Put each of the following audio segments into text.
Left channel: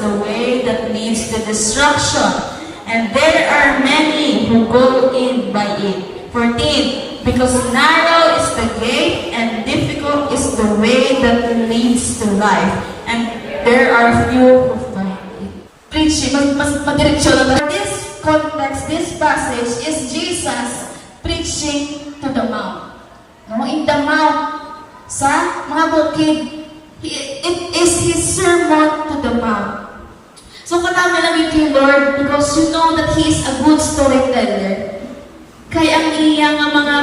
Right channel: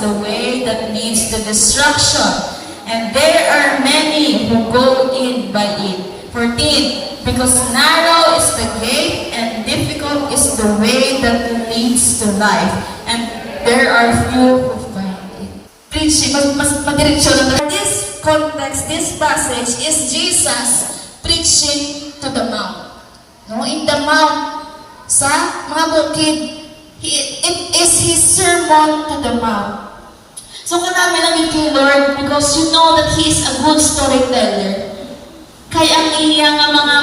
the way that leads to destruction, and there are many who go in by it. 14. Because narrow is the gate, and difficult is the way that leads to life, and there are few who find it. Preaching, madiretso na. This context, this passage is Jesus preaching to the mount. No, in the mount, sa mga bukid, it is His sermon to the mount. So kanaman namin kay Lord because you know that He is a good storyteller. Kaya ang iya nga mga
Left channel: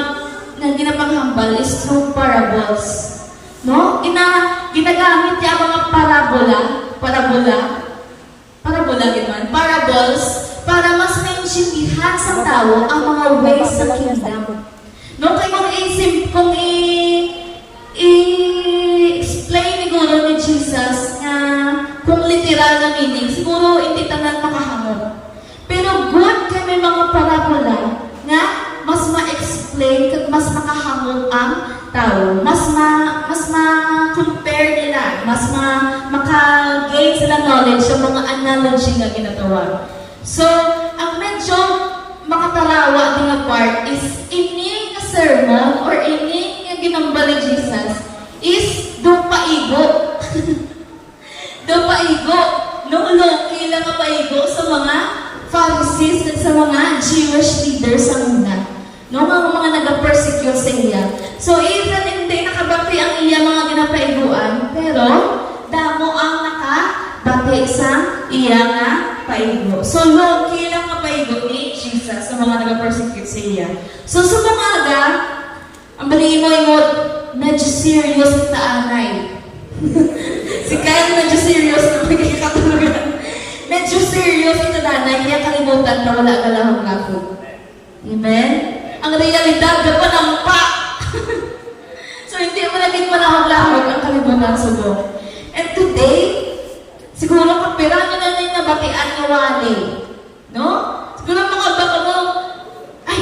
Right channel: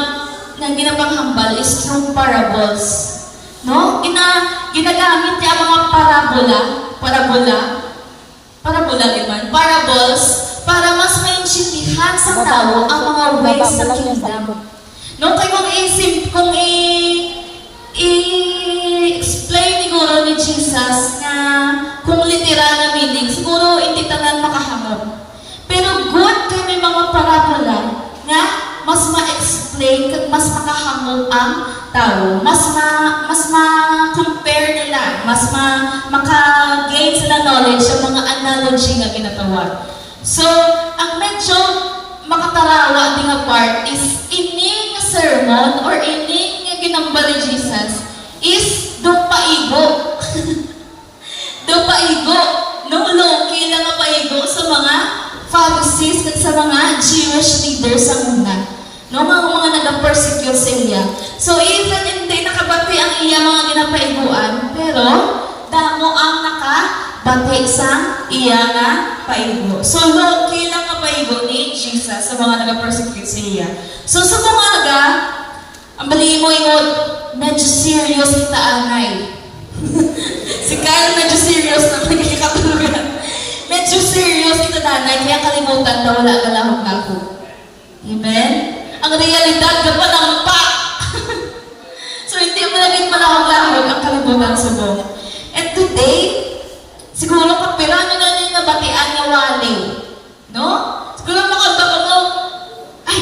na ginapanghambal is through parables. No? Ginagamit niya ang mga parables, para mas maintindihan sa tao ang mga ways sa kingdom. No? Kaya kung i-explain siguro ni Jesus na kung literal na meaning, siguro hindi tanan makahamon. Pero good kaya may mga parabola nga mas ma-explain at mas makahamon ang tao. Mas ma-compare nila, mas maka-gain sila knowledge sa mga analogy na ginatawag. So, ang medyo makatarawa din na part is ining sermon or ining nga ginambal ni Jesus is do paigo. Do paigo. No loki lang nga paigo sa mga Pharisees at sa mga Jewish leaders sa una. No, mga nag-persecute sa iya. So, even hindi nakabati ang iya mga ginapaiguan, pero damo ang nakabati sa iya nga paigo. So, loki lang nga paigo ni Jesus sa mga nag-persecute sa iya. So, sa mga ang bali mo medyo serious kita anay. Si Kyle medyo serious na magkikatulugan. Medyo serious kita nanay, kaya kalimutan na wala ka lang ako. Amen? Ang realidad ka pa ng pa. So, hindi mo naging malahog-lahog ang kalimutan sa buwan. And today, siguro kapirano na rin nabatian ni Wally. No? Siguro makabaka mo, ay,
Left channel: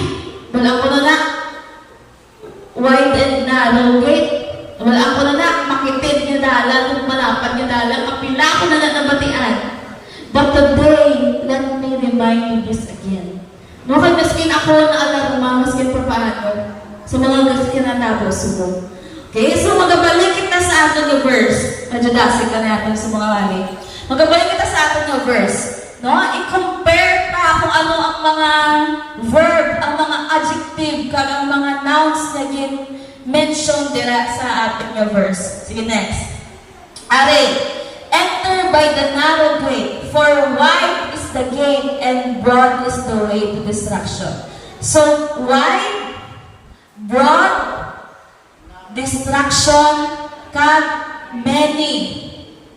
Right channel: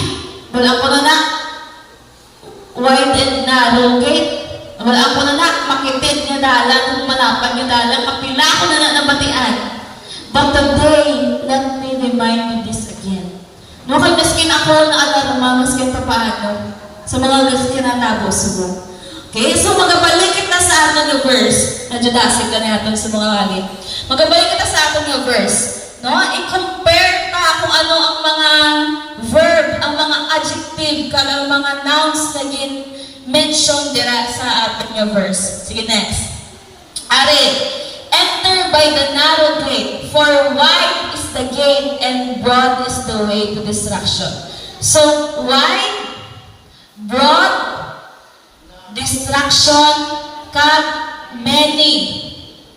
wala ko na wide and narrow gate. Wala ko na makitid niya dalan, kung malapad niya dalan, mapila ko na nabatian. But today, let me remind you this again. No, kaya maskin ako na alarma, maskin pa paano, sa mga maskin na tapos mo. Okay, so magabalik kita sa ating na verse. Medyo dasig ka natin sa mga wali. Magabalik kita sa ating na verse. No, i-compare pa kung ano ang mga verb, ang mga adjective, ang mga nouns na mention dira sa ating na verse. Sige, next. Are, enter by the narrow gate, for wide is the gate and broad is the way to destruction. So, wide, broad, destruction, kag many.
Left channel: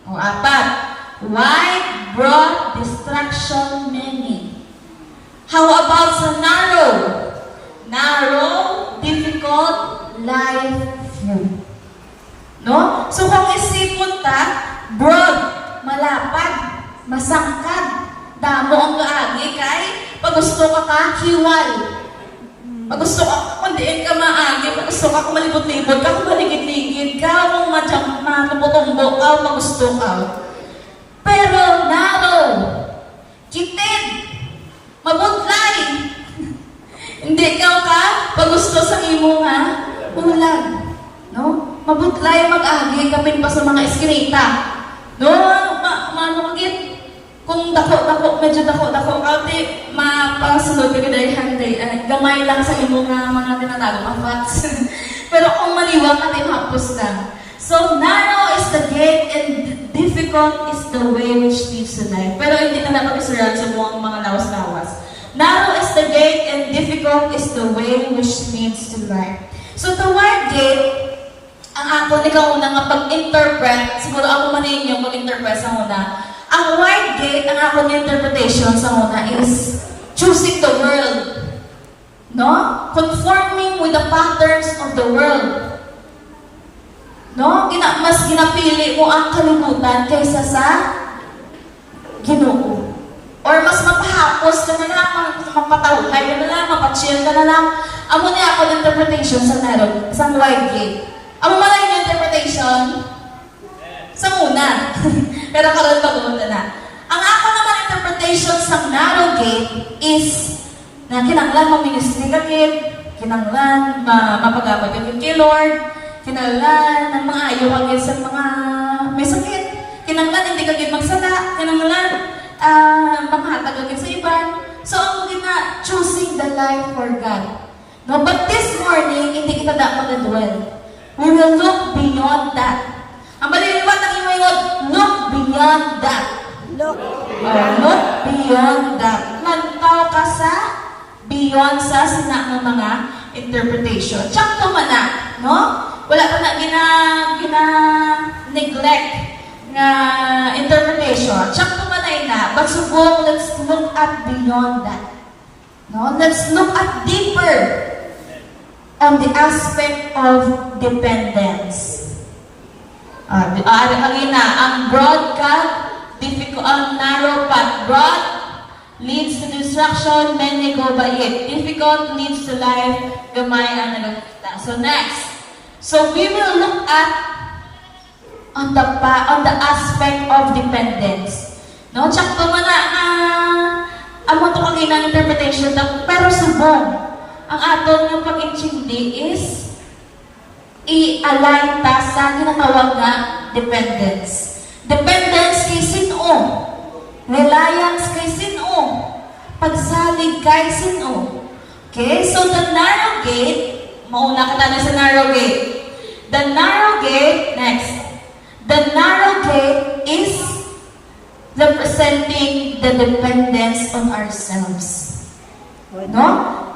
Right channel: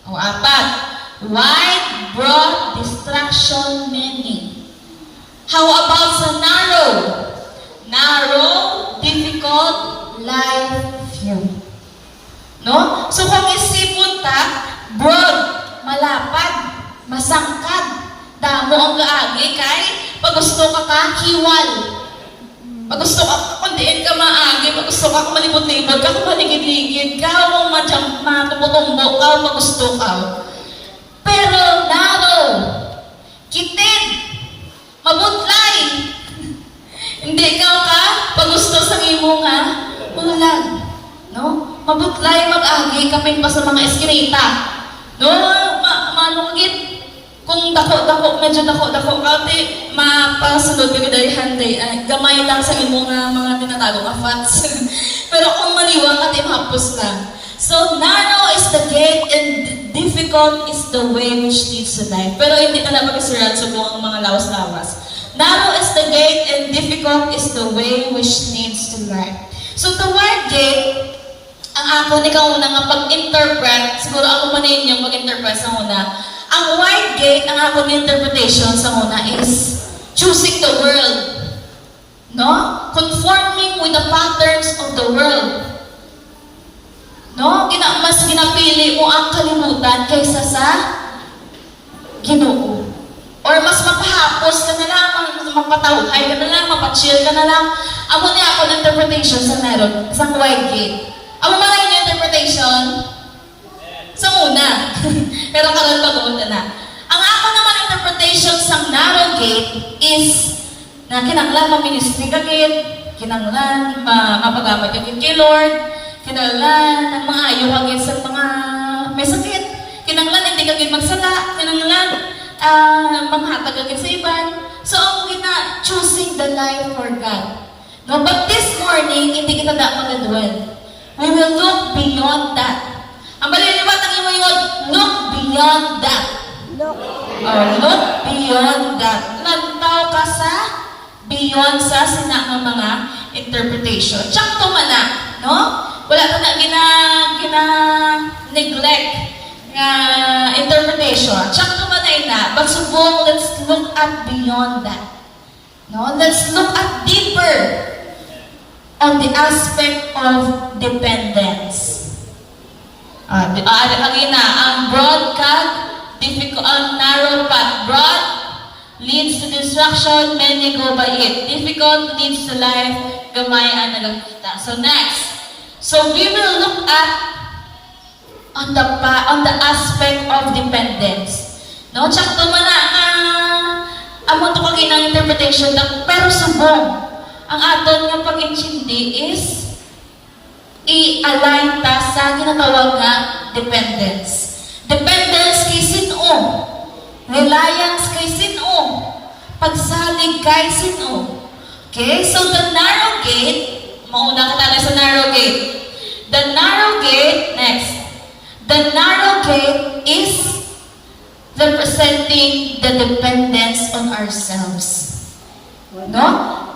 O, apat. Wide, broad, destruction, many. How about sa narrow? Narrow, difficult, life, few. No? So, kung isipon ta, broad, malapad, masangkad, damo ang gaagi kay pag gusto ka hiwal. Pag gusto ka, kundiin ka maagi, pag gusto ka malibot-libot ka, kung maligid-ligid ka, kung matumbok ka, kung gusto ka. Pero narrow, kitid, mabutlay. Hindi ikaw ka, pag gusto sa imo nga, ulan. No? Mabutlay mag-agi, kapin pa sa mga eskinita. No? Manungit. Kung dako-dako, medyo dako-dako, kasi mapasunod ka dahil handay, gamay lang sa imo nga mga tinatawag na facts. Pero kung maniwang at imhapos lang. So, narrow is the gate and difficult is the way which leads to life. Pero hindi na lang mag-isuran sa mga lawas-lawas. Narrow is the gate and difficult is the way which leads to life. So, the word gate, ang ako ni kauna nga pag-interpret, siguro ako manin yung pag-interpret sa una. Ang wide gate, ang ako ni interpretation sa una is choosing the world. No? Conforming with the patterns of the world. No? Mas ginapili mo ang kalimutan kaysa sa Ginoo. Or mas mapahapos ka na lang, mapatawhay ka na lang, mapachill ka na lang. Amo niya ako ng interpretation sa narrow, sa wide gate. Amo man yung interpretation sa una. Pero karon pa doon na. ako naman interpretation sa narrow gate is na kinanglan ma-ministry ka gid, kinanglan mapagabot ka kay Lord, kinanglan ng mga ayaw ka gid sa mga may sakit, kinanglan hindi ka gid magsala, kinanglan manghatag ka gid sa iban. So, ang gina choosing the life for God. No, but this morning, hindi kita da mag-dwell. We will look beyond that. Ang baliliwat ng imo yun, look beyond that. Look beyond that. Nagtao ka sa beyond sa sina ng mga interpretation. Tsakto man na, no? Wala ka na gina-neglect nga interpretation. Tsakto man na, but subong, let's look at beyond that. No? Let's look at deeper on the aspect of dependence. Again na, ang broad path, difficult, ang narrow path. Broad leads to destruction, many go by it. Difficult leads to life, gamay ang nagakita. So next, so we will look at on the aspect of dependence. No, tsakto man na amo to kaginang interpretation pero subong ang aton nga pag-intindi is i-align ta sa ginatawag nga dependence. Dependence kay sino? Reliance kay sino? Pagsalig kay sino? Okay, so the narrow gate, mauna ka talaga sa narrow gate. The narrow gate, next. The narrow gate is representing the dependence on ourselves. No?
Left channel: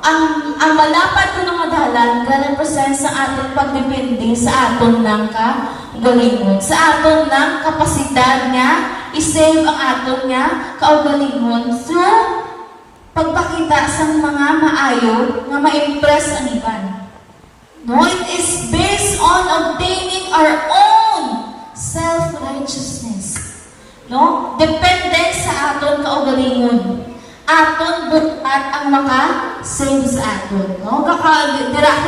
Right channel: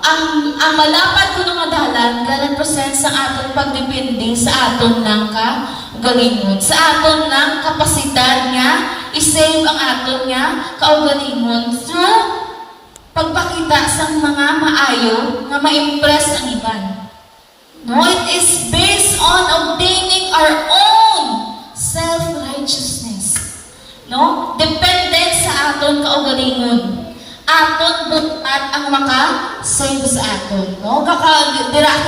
Ang malapad ko ng adalan, represent sa ating pagdepende sa aton ng kaugalingon, sa aton ng kapasidad niya, isave ang aton niya kaugalingon through pagpakita sa mga maayo nga ma-impress ang iban. No, it is based on obtaining our own self-righteousness. No? Depende sa aton kaugalingon. Aton butat ang maka-save sa aton. No? Dira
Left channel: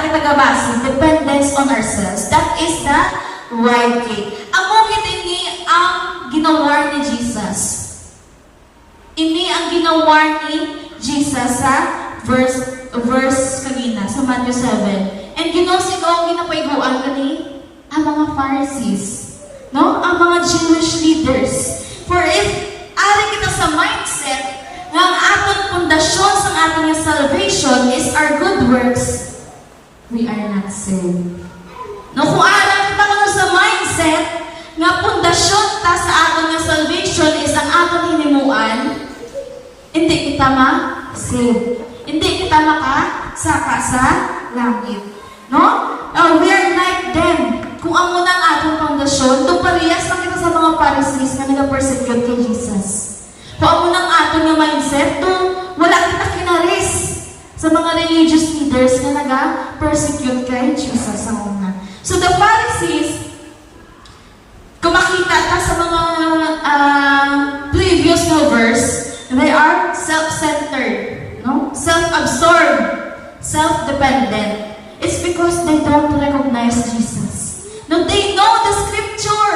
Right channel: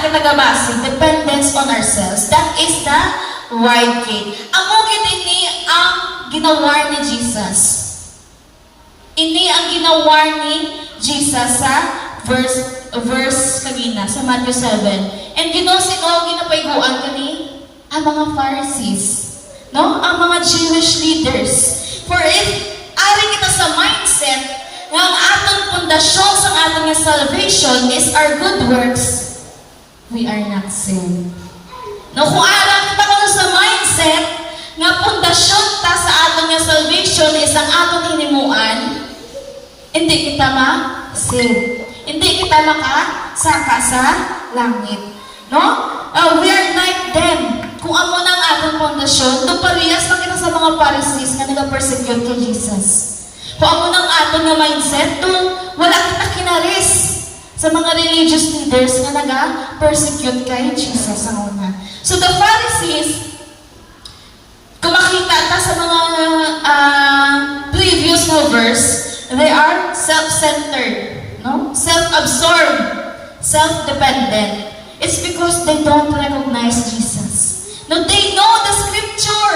kita base. Dependence on ourselves. That is the right gate. Ang mugit ini ang ginawar ni Jesus. Ini ang ginawar ni Jesus sa verse kanina, sa Matthew 7. And you know, sino ang ginapaiguan kani? Ang mga Pharisees. No? Ang mga Jewish leaders. For if ari kita sa mindset nga ang aton pundasyon sa aton nga salvation is our good works, we are not saved. No, kung ara kita ko sa mindset nga pundasyon ta sa aton nga salvation is ang aton hinimuan, hindi kita ma-save. Hindi kita makasaka sa langit. No? We are like them. Kung amo na ang ating pundasyon, ito parehas pa kita sa mga Pharisees na nag-persecute kay Jesus. Kung amo na ang ating mindset, wala kita kinaris sa mga religious leaders na nag-persecute kay Jesus sa una. So the Pharisees, kung makita ka sa mga previous verse, they are self-centered, no? Self-absorbed, self-dependent. It's because they don't recognize Jesus. No, they know the scripture.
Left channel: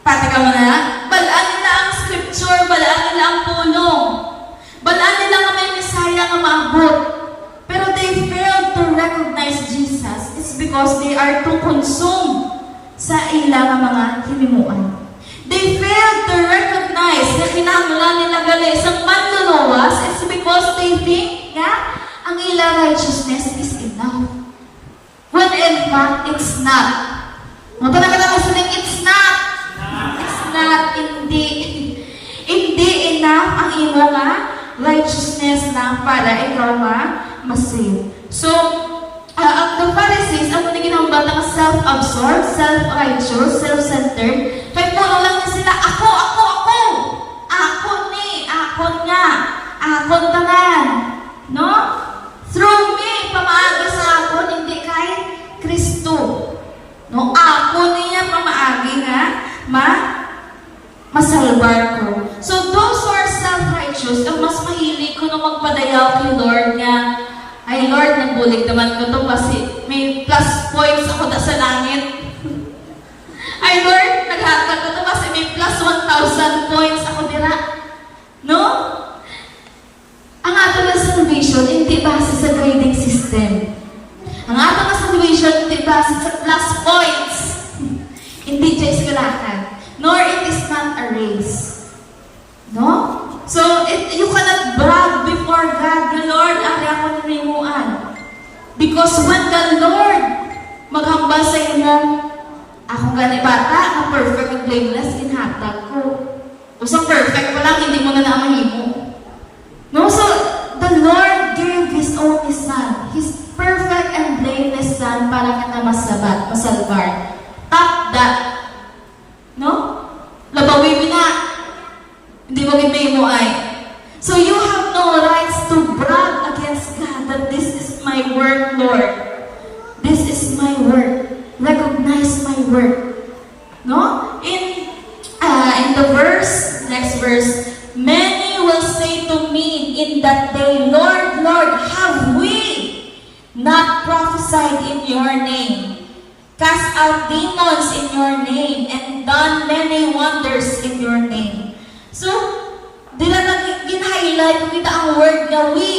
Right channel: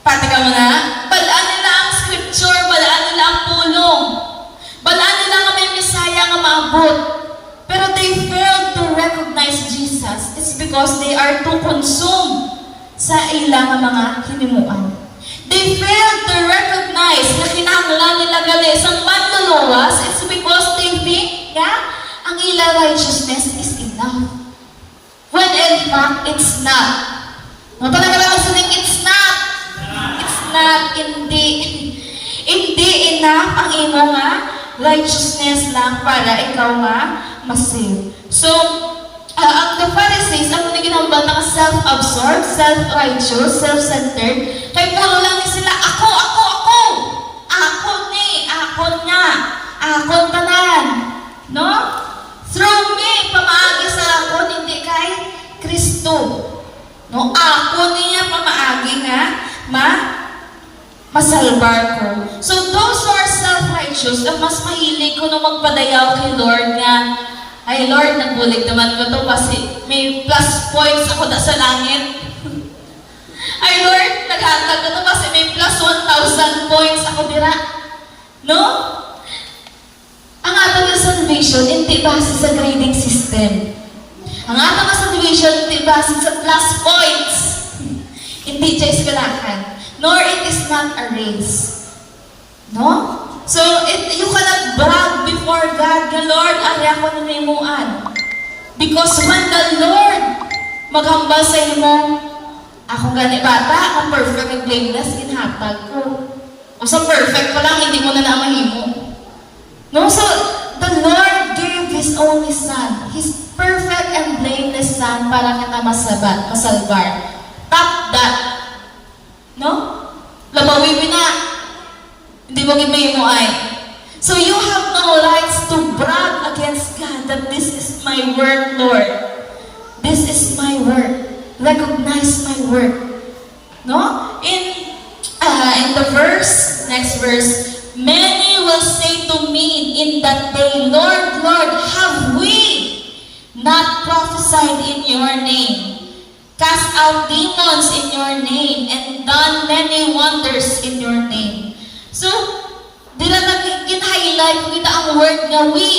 Pati ka na, balaan nila ang scripture, balaan nila ang pulong, balaan nila ang may Messiah nga maabot. Pero they failed to recognize Jesus. It's because they are too consumed sa ilang mga hinimuan. They failed to recognize na kinahanglan nila gali sa manluluwas. It's because they think, ang ilang righteousness is enough. When in fact, it's not. No, talaga naman sabihin, it's not. It's not. Hindi enough ang imo nga righteousness lang para ikaw nga masave. So, the Pharisees, ang ginambal ng self-absorbed, self-righteous, self-centered, kaya puro lang sila, ako! Ako ni, ako niya, ako tanan. No? Through me, pamaagi sa ako, hindi kay Kristo. No? Ako niya pamaagi nga, masalbar ko. So, those who are self-righteous, ang mas mahilig ko na magpadayaw kay Lord nga, ay Lord, nagbulig naman ko to kasi may plus points ako na sa langit. Ay Lord, naghatag ko to kasi may plus 1,000 points ako dira. No? Ang ato nga salvation, hindi base sa grading system. Ang ato nga salvation, hindi base sa plus points. Hindi siya eskwelahan. Nor it is not a race. No? So, you cannot brag before God, the Lord, ari ako nanimuan. Because when the Lord maghambal sa imo, akong gani bata, na perfect and blameless, inhatag ko. O sa perfect pa lang, hindi mo na naman imo. No, so, the Lord gave His only Son, His perfect and blameless Son, para kita masalbar. Top that. No? Labawi mo na. Hindi mo gimay mo ay. So you have no rights to brag against God that this is my work, Lord. This is my work. Recognize my work. No? In the verse, next verse, many will say to me in that day, Lord, Lord, have we not prophesied in your name, cast out demons in your name, and done many wonders in your name? So, dila nag-highlight ko kita ang word na we.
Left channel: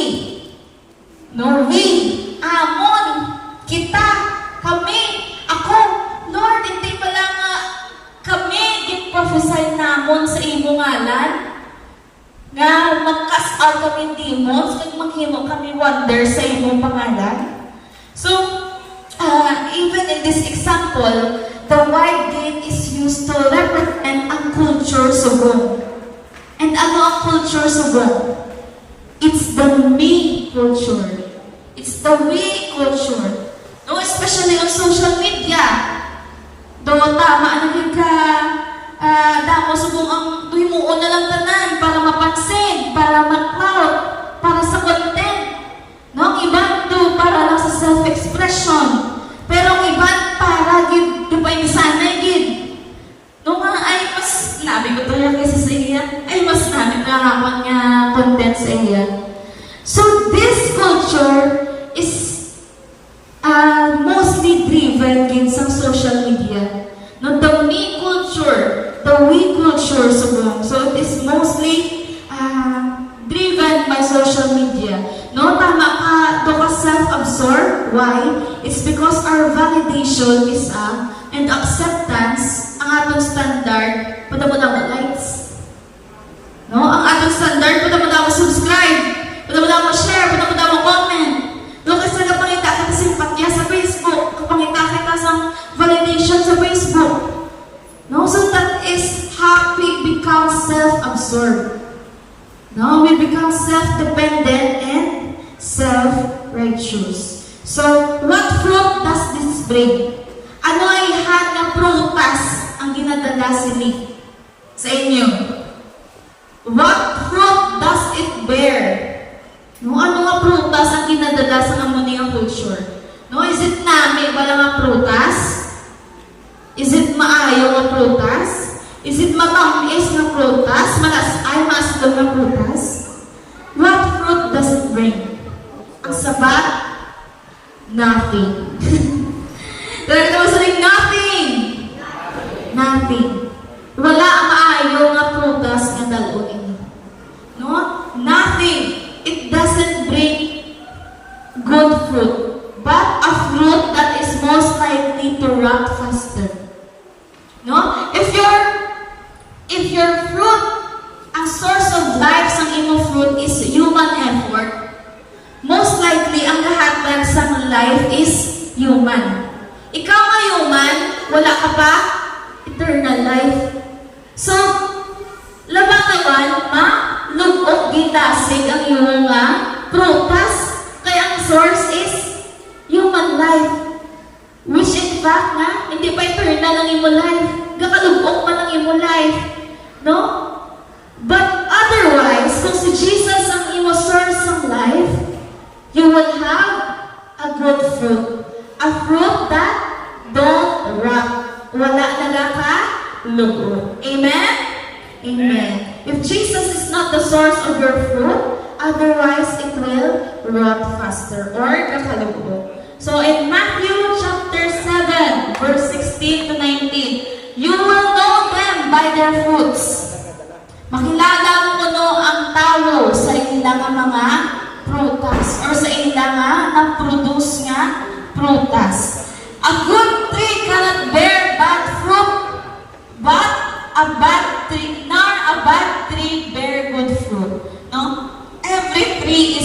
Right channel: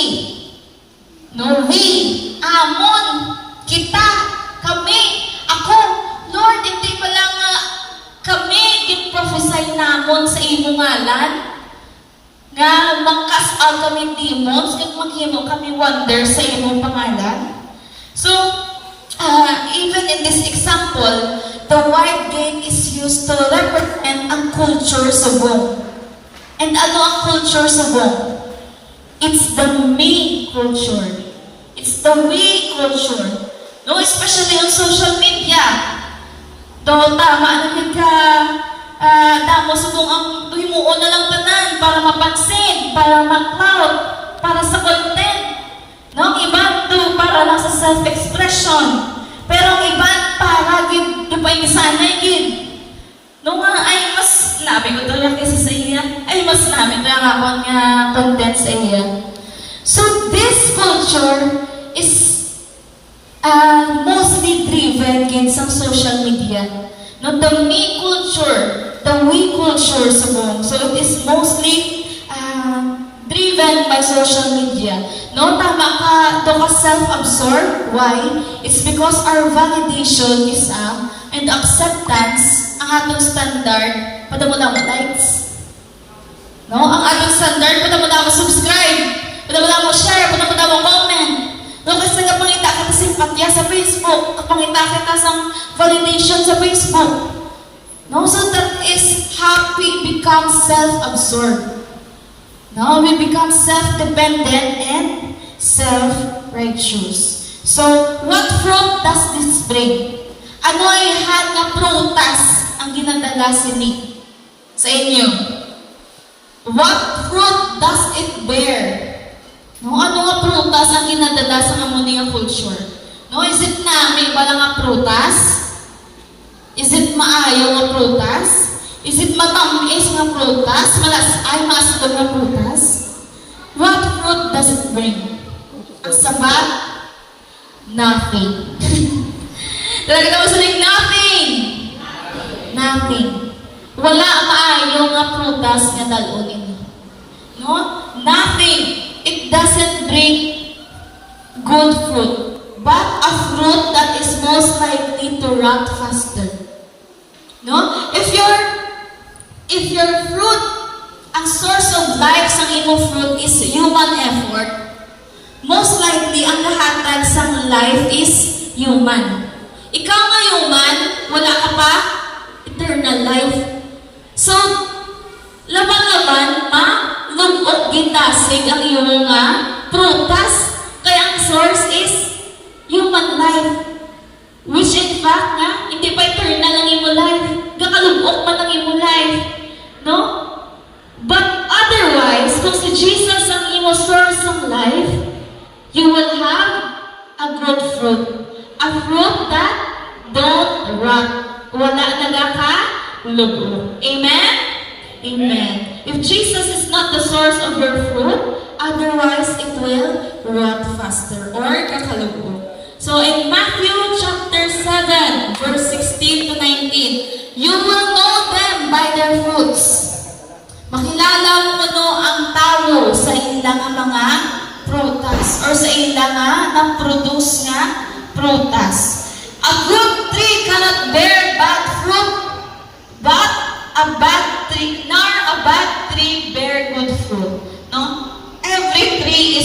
No, we, amon, kita, kami, ako. Lord, hindi pa lang kami gin-prophesy namon sa imo ngalan nga mag-cast out kami demons kag maghimo kami wonders sa imong pangalan. So, even in this example, the white gate is used to represent ang culture subong. And ano ang culture subong? It's the me culture. It's the we culture. No, especially on social media. Do tama ano ka damo subong ang himuon na lang tanan para mapansin, para mag-cloud, para sa content. No, ang iban to para lang sa self-expression. Pero ang iban para gid gipainsanay gid. No nga ay mas labi ko to lang kasi sa iya. Ay mas namin na ako nga content sa iya. So this culture is mostly driven gid sa social media. No, the me culture, the we culture subong. So it is mostly driven by social media. No, tama ka, do ka self-absorbed. Why? It's because our validation is and acceptance ang atong standard, padamo-damo likes. No, ang atong standard, padamo-damo subscribe, padamo-damo share, padamo-damo comment. No, kasi napangita kita simpatya sa Facebook, napangita kita sa validation sa Facebook. No, so that is how we become self-absorbed. No, we become self-dependent and self-righteous. So, what fruit does this bring? Ano ay na prutas ang ginadala si Nick sa inyo? What fruit does it bear? No, ano nga prutas ang ginadala sa Amonia culture? No, is it nami ba nga prutas? Is it maayo nga prutas? Is it matamis nga prutas? Maasdo nga prutas? What fruit does it bring? Ang sabat? Nothing. Talaga naman sabihin, nothing! Nothing. Wala maayo nga prutas nga dalon. No? Nothing. It doesn't bring good fruit, but a fruit that is most likely to rot faster. No? If your fruit, ang source of life sa imong fruit is human effort, most likely ang lahatag sa life is human. Ikaw nga human, wala ka pa eternal life. So, laban-laban, lugok gitasig ang iyong prutas, kaya ang source is human life. Which in fact hindi pa eternal ang iyong life. Gakalugok man ang iyong life. No? But otherwise, kung si Jesus ang iyong source ng life, you will have a good fruit. A fruit that don't rot. Wala nagaka-lugo. Amen? Amen. If Jesus is not the source of your fruit, otherwise it will rot faster or kakalugo. So in Matthew chapter 7, verse 16 to 19, you will know grow sa ilang nga mga prutas or sa ilang nga nag-produce nga prutas. A good tree cannot bear bad fruit, but a bad tree, nor a bad tree bear good fruit. No? Every tree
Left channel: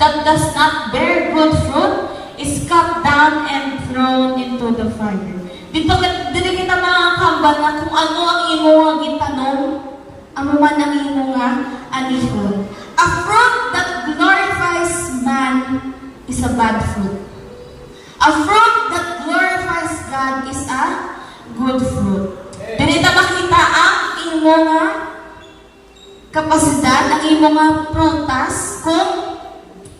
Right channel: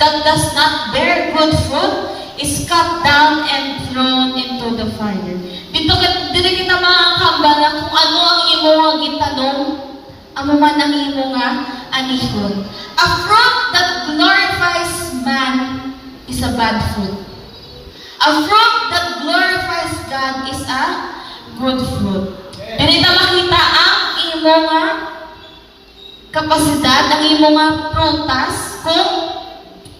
that does not bear good fruit is cut down and thrown into the fire. Dili kita makakamba na kung ano ang imo nga gitanong, amo man ang imo nga anihon. A fruit that glorifies man is a bad fruit. A fruit that glorifies God is a good fruit. Dili ta makita ang imo nga kapasidad, ang imo nga prutas kung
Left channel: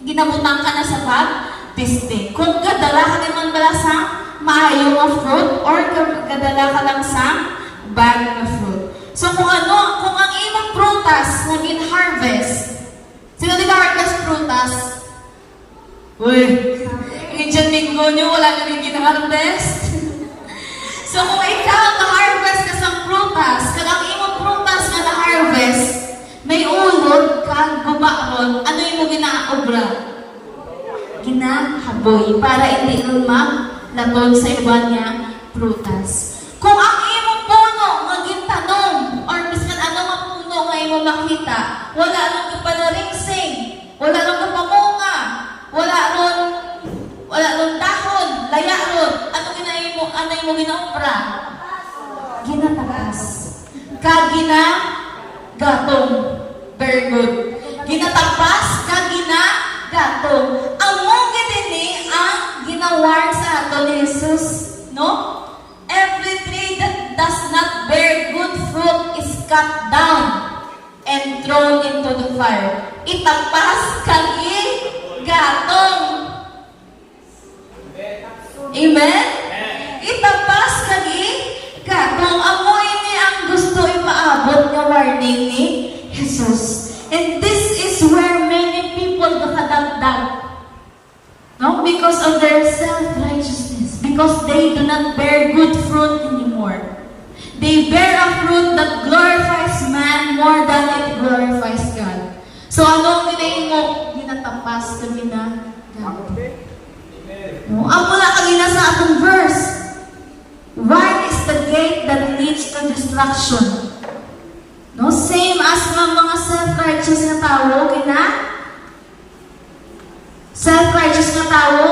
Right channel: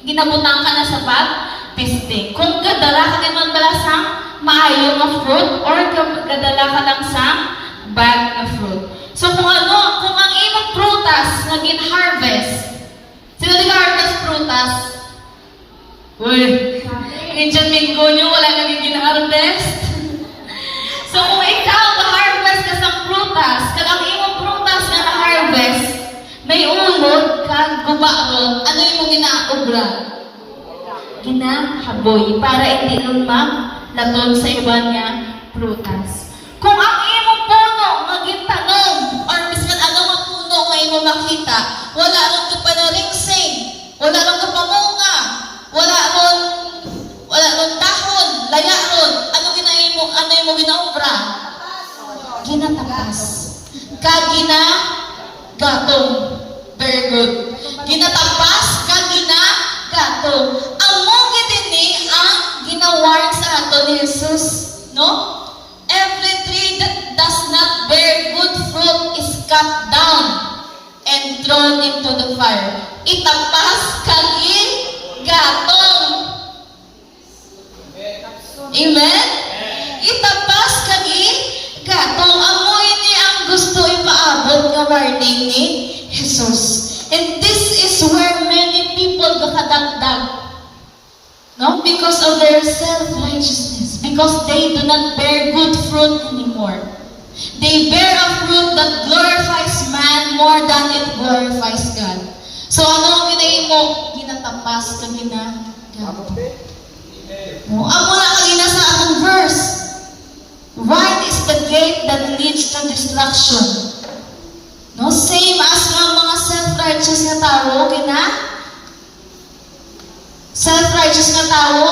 ginabutang ka na sa pag-testing. Kung kadala ka naman bala sa maayo nga fruit or kadala ka lang sa bad nga fruit. So kung ang imong prutas na gin-harvest, sino di harvest prutas? Uy, Indian Mingo nyo, wala na gin-harvest. So kung ikaw na-harvest ka sa prutas, kung ang imong prutas na na-harvest, may ulod kang gubaon, ano yung ginaobra? Ginahaboy para hindi lagon sa iban nga prutas. Kung ang imong puno magintanom or miskan ano nga puno nga imong makita, wala ron ka pa naringsing, wala ron ka pamunga, wala ron dahon, laya ron, ano imong ginaobra? Ginatapas. Gatong. Very good. Ginatapas kag gatong. Amo gid ni ang ginawar sa aton ni Jesus, no? Every tree that does not bear good fruit is cut down and thrown into the fire. Itapas kag gatong. Amen? Itapas kag gatong. Amo ini ang gusto ipaabot nga warning ni Jesus. And this is where many people gakadagdag. No? Because of their self-righteousness. Because they do not bear good fruit anymore. They bear a fruit that glorifies man more than it glorifies God. So ano ang ginahin mo? Ginatapas ka ginagato. No? Amo na kagina sa atong verse. Wide is the gate that leads to destruction. No, same as ng mga self-righteous na tao, self-righteous na tao,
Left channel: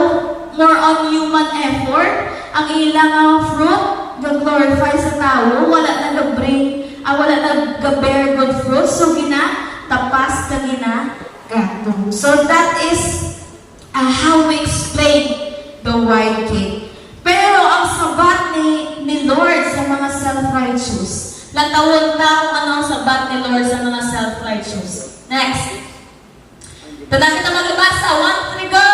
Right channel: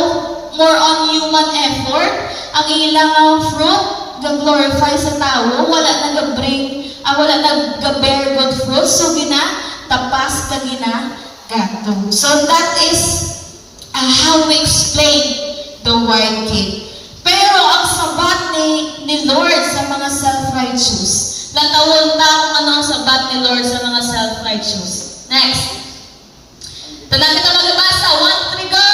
more on human effort, ang ilang fruit, ga-glorify sa tao, wala nag-bear good fruit, so tapas ka gato. So that is how we explain the wide gate. Pero ang sabat ni Lord sa mga self-righteous, natawon ta kung ano ang sabat ni Lord sa mga self-righteous. Next. Ito lang kita magbasa. 1, 3, go!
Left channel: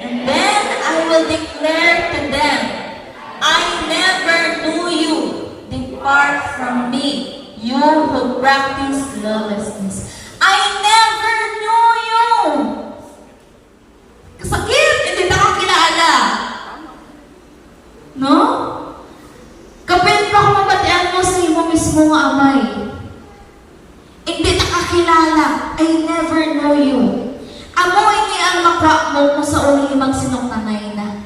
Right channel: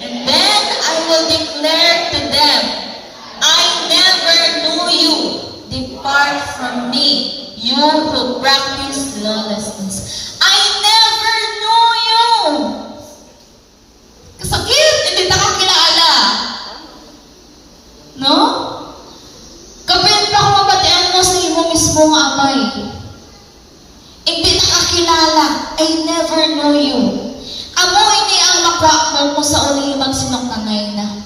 And then I will declare to them, I never knew you. Depart from me, you who practice lawlessness. I never knew you. Kasakit, hindi ta kakilala. No? Kapit pa kung mabatian mo sa imo mismo nga amay. Hindi nakakilala. I never know you. Amo ini ang makwa mo kung sa uli magsinoktanay na.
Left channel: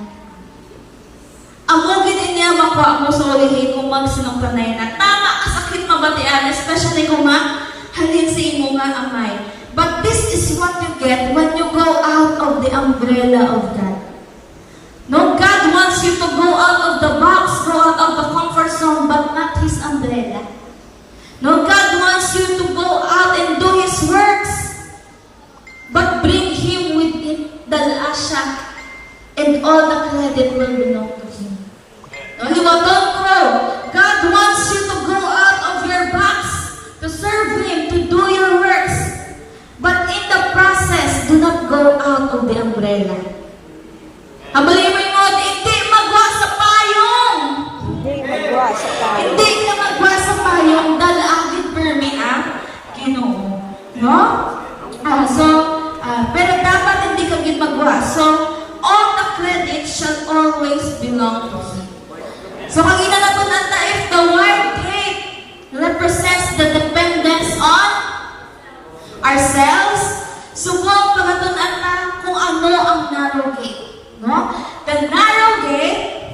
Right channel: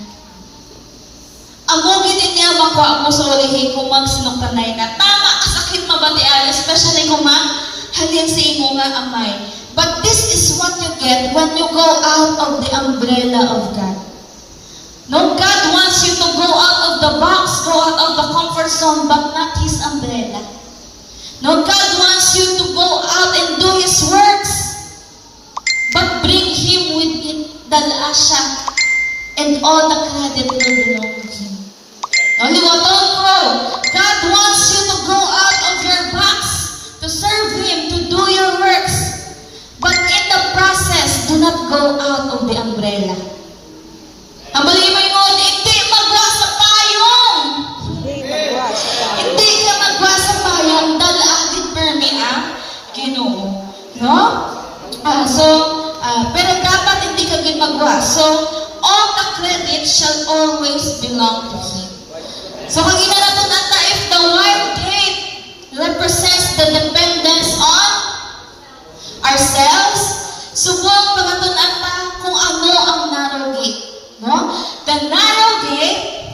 Amo gini niya makwa mo sa uli kung magsinoktanay na. Tama kasakit mabatian, especially kung halin sa imo nga amay. But this is what you get when you go out of the umbrella of God. No, God wants you to go out of the box, go out of the comfort zone, but not His umbrella. No, God wants you to go out and do His works, but bring Him with it, the asha, and all the credit will belong to Him. No, liwaton ko, God wants you to go out of your box, to serve Him, to do your works, but in the process, do not go out of the umbrella. Ang malimay mo, hindi magwa sa payong. Hindi ka magwa sa payong, dalaagin permi ang Ginoo. No? Pero dapat hindi ka magwa. So, all the credit shall always belong to Him. So, kagina na ito nata, if the wide gate represents the dependence on ourselves, subong pagatunan ta kung ano ang narrow gate. No? The narrow gate,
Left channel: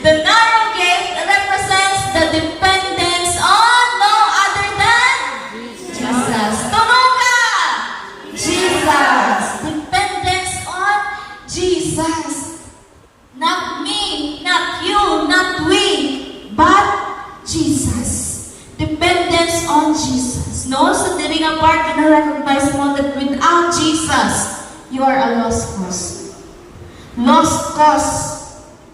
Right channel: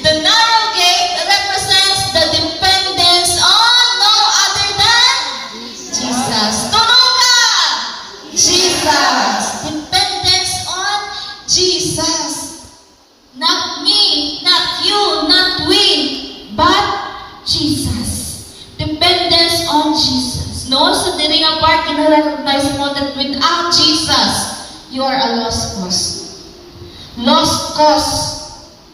the narrow gate represents the dependence on no other than Jesus. Tunog ka! Jesus. Dependence on Jesus. Not me, not you, not we, but Jesus. Dependence on Jesus. No? So, diri nga part, recognize mo that without Jesus, you are a lost cause. Lost cause.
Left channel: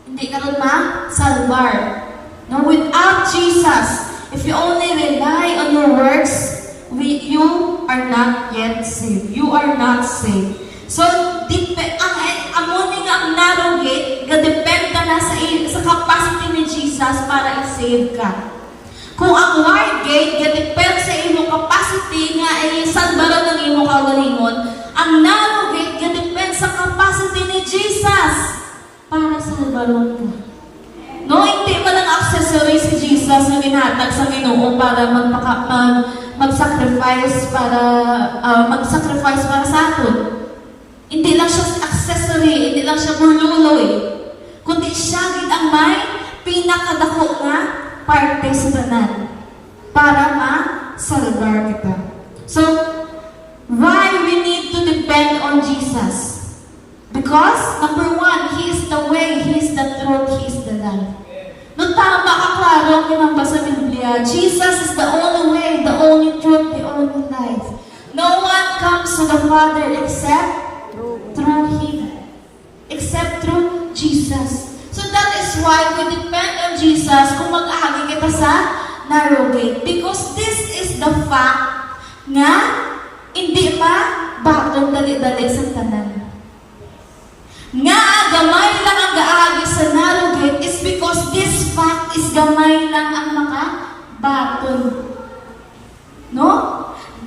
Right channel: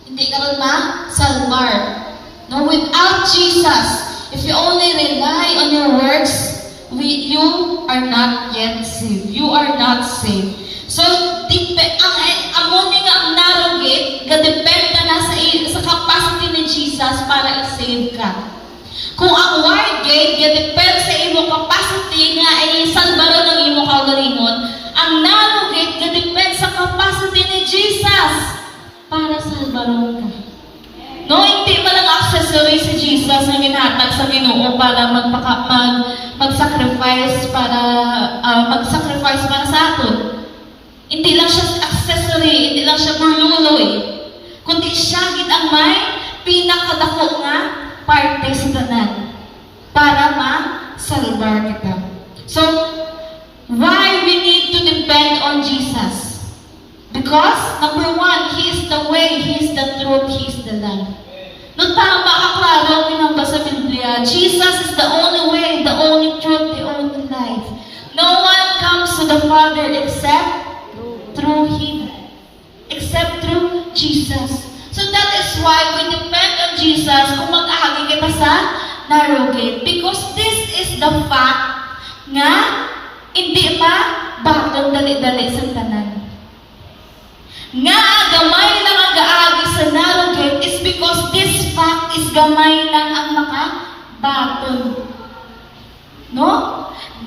Hindi ka rin ma-salvar. No? Without Jesus, if you only rely on your works, you are not yet saved. You are not saved. So, ang narrow gate, gadependa na sa capacity ni Jesus para i-save ka. Kung ang wide gate, gadepend sa imong capacity nga ay salbaran ng imong kaugalingon, ang narrow gate, gadepend sa capacity ni Jesus para salbaron ka. No, hindi pa lang accessory si Jesus na ginhatag sa Ginoo para mag-sacrifice para sa atin. Hindi lang siya accessory, hindi lang siya burluloy, kundi siya gid ang may pinakadako nga parte sa tanan para ma-salvar kita. So, why we need to depend on Jesus? Because, number one, He is the way, He is the truth, He is the life. Nung para makaklaro ang ginamba sa Biblia, Jesus is the only way, the only truth, the only life. No one comes to the Father except through Him. Except through Jesus. So that is why we depend on Jesus kung mag-ahagi kita sa narrow gate. Because this is the fact nga hindi bakon dali-dali sa tanan. Nga gamay lang ang gaagi sa narrow gate is because this fact is gamay lang ang makabaton. No?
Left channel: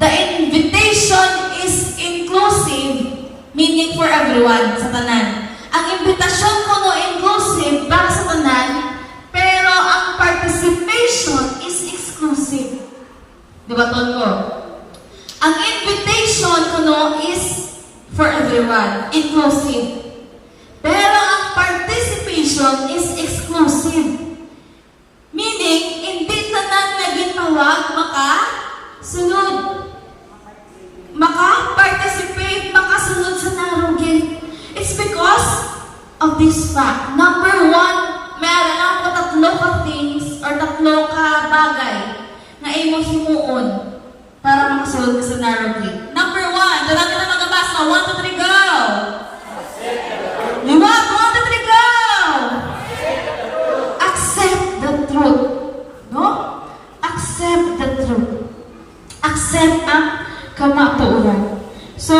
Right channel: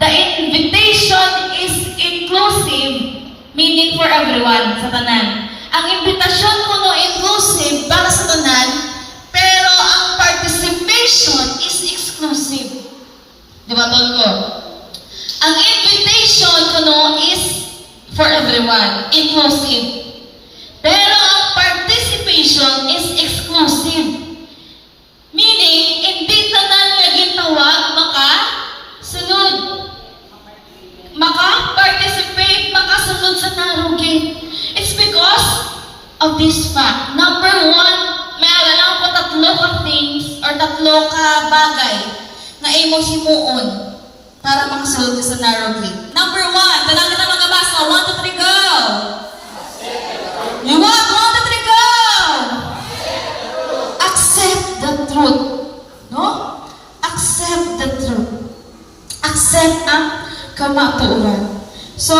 The invitation is inclusive, meaning for everyone sa tanan. Ang invitasyon ko no inclusive para sa tanan, pero ang participation is exclusive. Di ba, Tonko? Ang invitation ko no is for everyone, inclusive. Pero ang participation is exclusive. Meaning, hindi tanan nga gitawag makasunod. Maka-participate, makasunod sa narrow gate. It's because of this fact. Number one, meron lang po tatlo ka things or tatlo ka bagay na imong himuon para makasunod ka sa narrow gate. Number one, dalang kita magabasa. 1, 2, 3, go! Liwag, 1, 2, 3, go! Accept the truth. No? Accept the truth. Accept ang kamatuoran. So,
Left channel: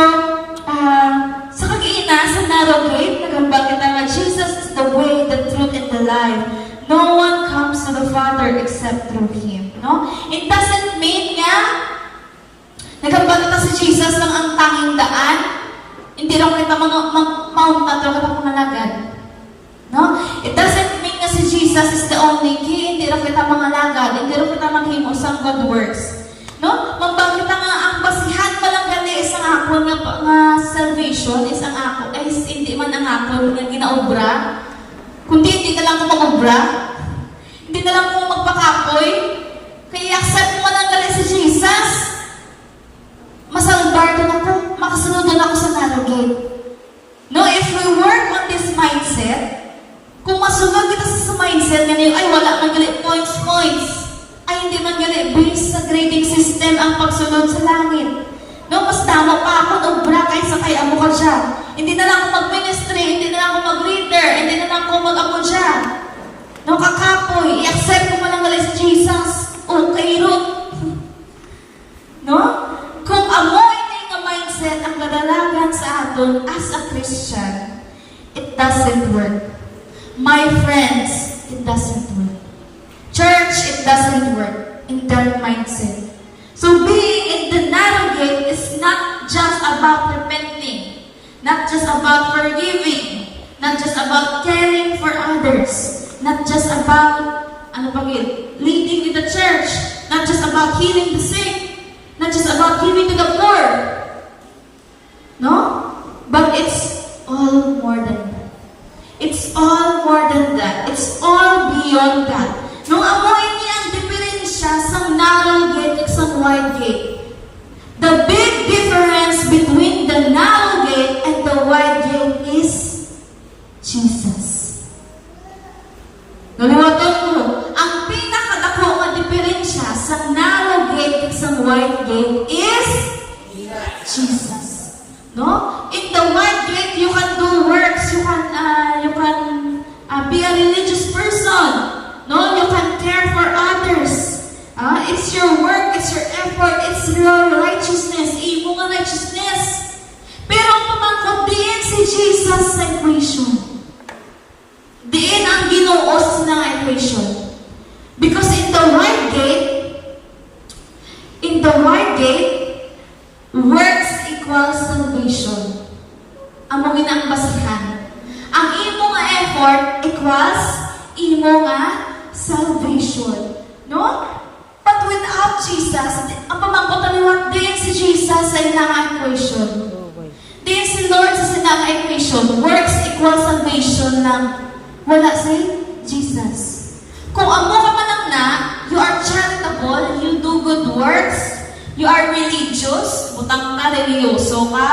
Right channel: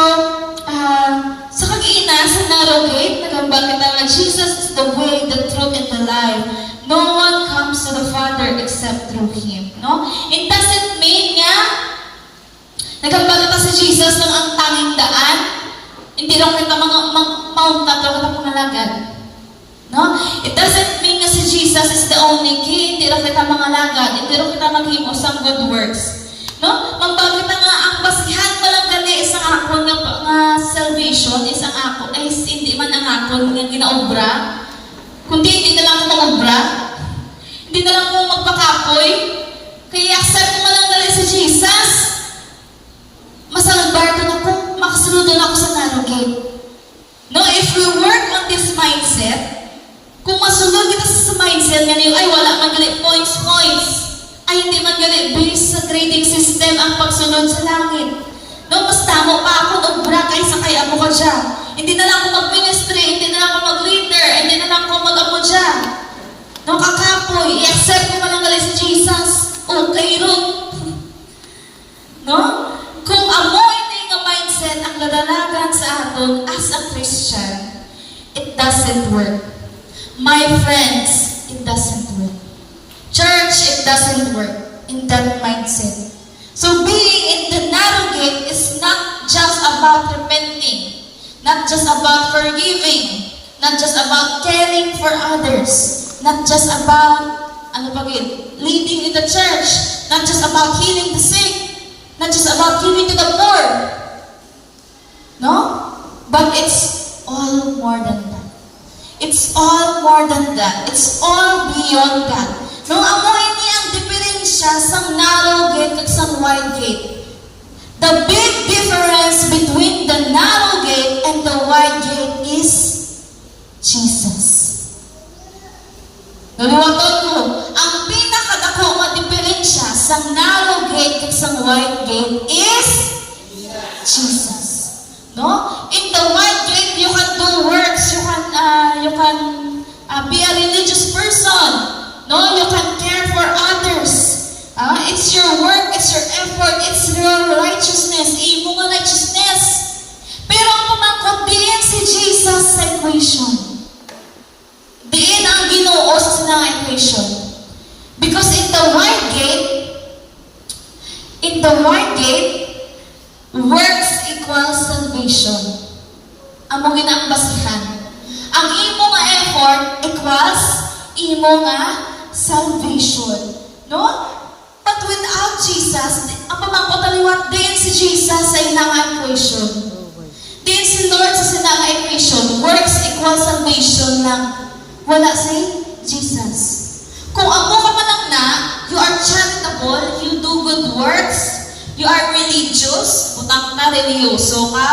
sa kag-ina, sa narrow gate, nagambal kita nga, Jesus is the way, the truth, and the life. No one comes to the Father except through Him. No? It doesn't mean nga, nagambal kita si Jesus lang ang tanging daan. Hindi lang kita mauntat lang kita pangalagad. No? It doesn't mean nga si Jesus is the only key. Hindi lang kita mangalagad. Hindi lang kita maghimo sa good works. No? Mambang kita nga ang basihan pa lang gani isang akon nga salvation, isang akon, ay hindi man ang akon nga ginaobra, kundi hindi na lang mo mag-obra, hindi na lang mo magpakapoy, kaya accept mo lang gali si Jesus, masalbar din ako, makasunod din ako sa narrow gate. No? If we work on this mindset, kung masunod kita sa mindset nga niyo, ay wala man gali points, ay hindi man gali based sa grading system ang pagsunod sa langit. No, mas tamo pa ako obra kaysa kay amo ka siya. Hindi na lang ako mag-ministry, hindi na lang ako mag-leader, hindi na lang ako mag-amo siya. No, kakapoy, i-accept ko malang gali si Jesus. Okay ron. No? Kung amo hindi nga mindset ang kadalagan sa aton as a Christian, it doesn't work. My friends, it doesn't work. Church, it doesn't work in that mindset. So being in the narrow gate is not just about repenting, not just about forgiving, not just about caring for others, not just about ano pa gid? Leading in the church. Not just about healing the sick. Not just about giving to the poor. No? But it's all more than that. It's all more than that. It's all beyond that. No, amoy ni ang diferensya sa narrow gate at sa wide gate. The big difference between the narrow gate and the wide gate is Jesus. Naliwatan ko, ang pinakadako nga diferensya sa narrow gate at sa wide gate is Jesus. No? In the wide gate, you can do works, you can be a religious person. No, you can care for others. It's your work, it's your effort, it's your righteousness. Imo nga righteousness. Pero ang pamangkot diin si Jesus sa equation. Diin ang Ginoo sa equation. Because in the wide gate, works equals salvation. Amo ginang basihan. Ang imo nga effort equals imo nga salvation. No? But without Jesus, ang pamangkot aliwat din si Jesus sa inang equation. Din si Lord sa inang equation. Works equals salvation lang. Wala si Jesus. Kung amo ka man na, you are charitable, you do good works, you are religious, butang ka, religyoso ka,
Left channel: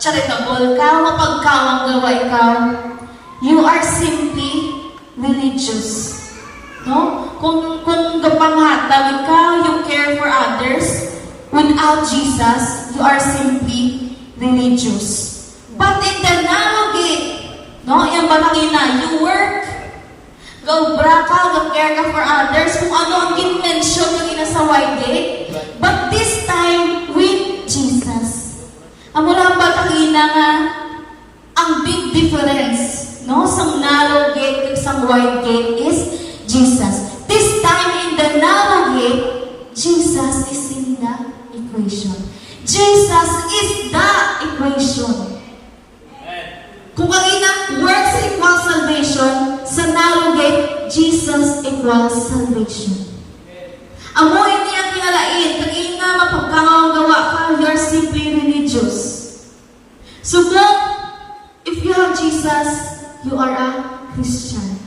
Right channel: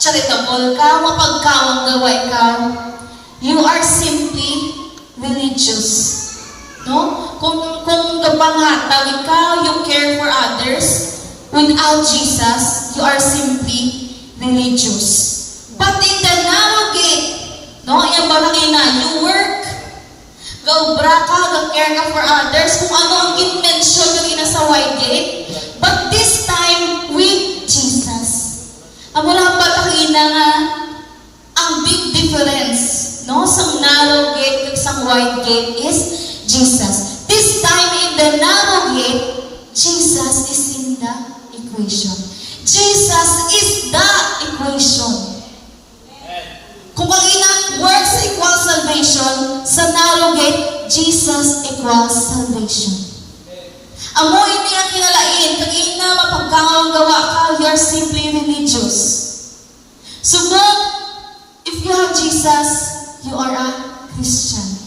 charitable ka, mapagkawang gaway ka, you are simply religious. No? Kung gapanghatag ka, you care for others, without Jesus, you are simply religious. But in the narrow gate, no, yung balangina, you work, gawbra ka, gag-care ka for others, kung ano ang intention yung ina sa wide gate, but this time with Jesus. Amurang balangina nga, ang big difference, no, sa narrow gate at sa wide gate is Jesus. This time in the narrow gate, Jesus is in the equation. Jesus is the equation. Kung ang inang works equals salvation, sa narrow gate, Jesus equals salvation. Amo ini ang kinalain, kung ina mapagkangawang gawa ka, you're simply religious. Subok, if you have Jesus, you are a Christian.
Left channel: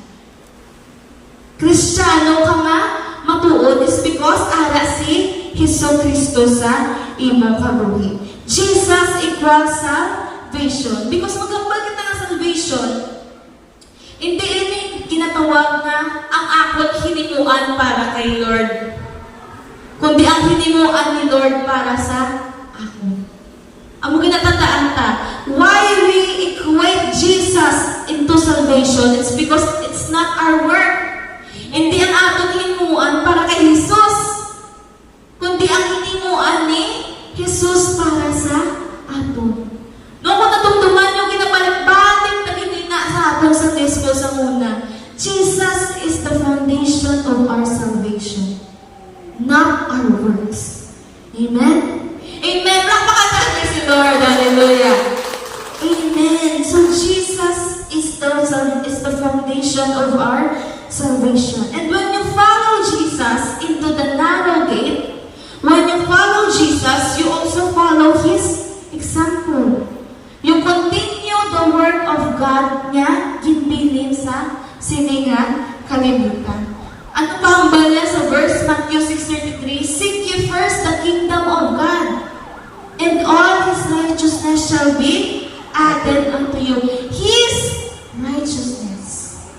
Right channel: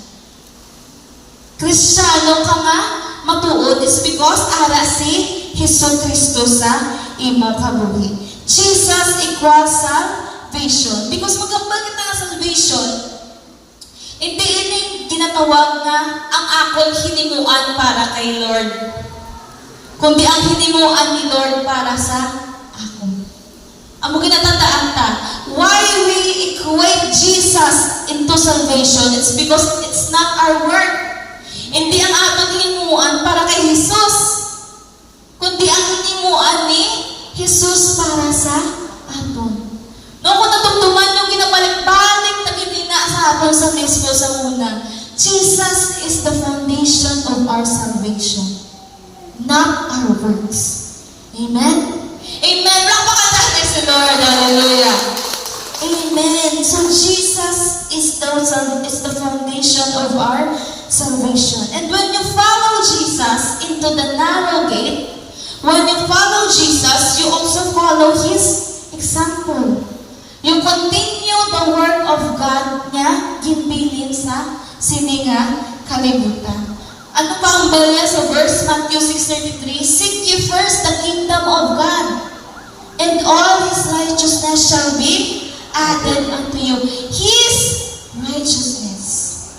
Kristiyano ka nga, matuod is because ara si Hesus Kristo sa imo kabuhi. Jesus equals salvation. Because magambal kita nga salvation, hindi ini ginatawag nga ang akon hinimuan para kay Lord. Kundi ang hinimuan ni Lord para sa ako. Amo ginatandaan ta, why we equate Jesus into salvation, it's because it's not our work. Hindi ang aton hinimuan para kay Jesus, kundi ang hinimuan ni Jesus para sa aton. No, kung natungtuman yung ginabalik-balik na ginina sa aton sa Tesco sa una, Jesus is the foundation of our salvation, not our works. Amen? Amen. Lakpakan si Lord. Hallelujah. Amen. So Jesus is the foundation of our salvation. And when you follow Jesus into the narrow gate, when you follow Jesus, you also follow His example. You continue the word of God niya ginbilin sa sininga kalibutan. Ano pa ang balya sa verse Matthew 6:33? Seek ye first the kingdom of God, and all His righteousness shall be added unto you. His righteousness.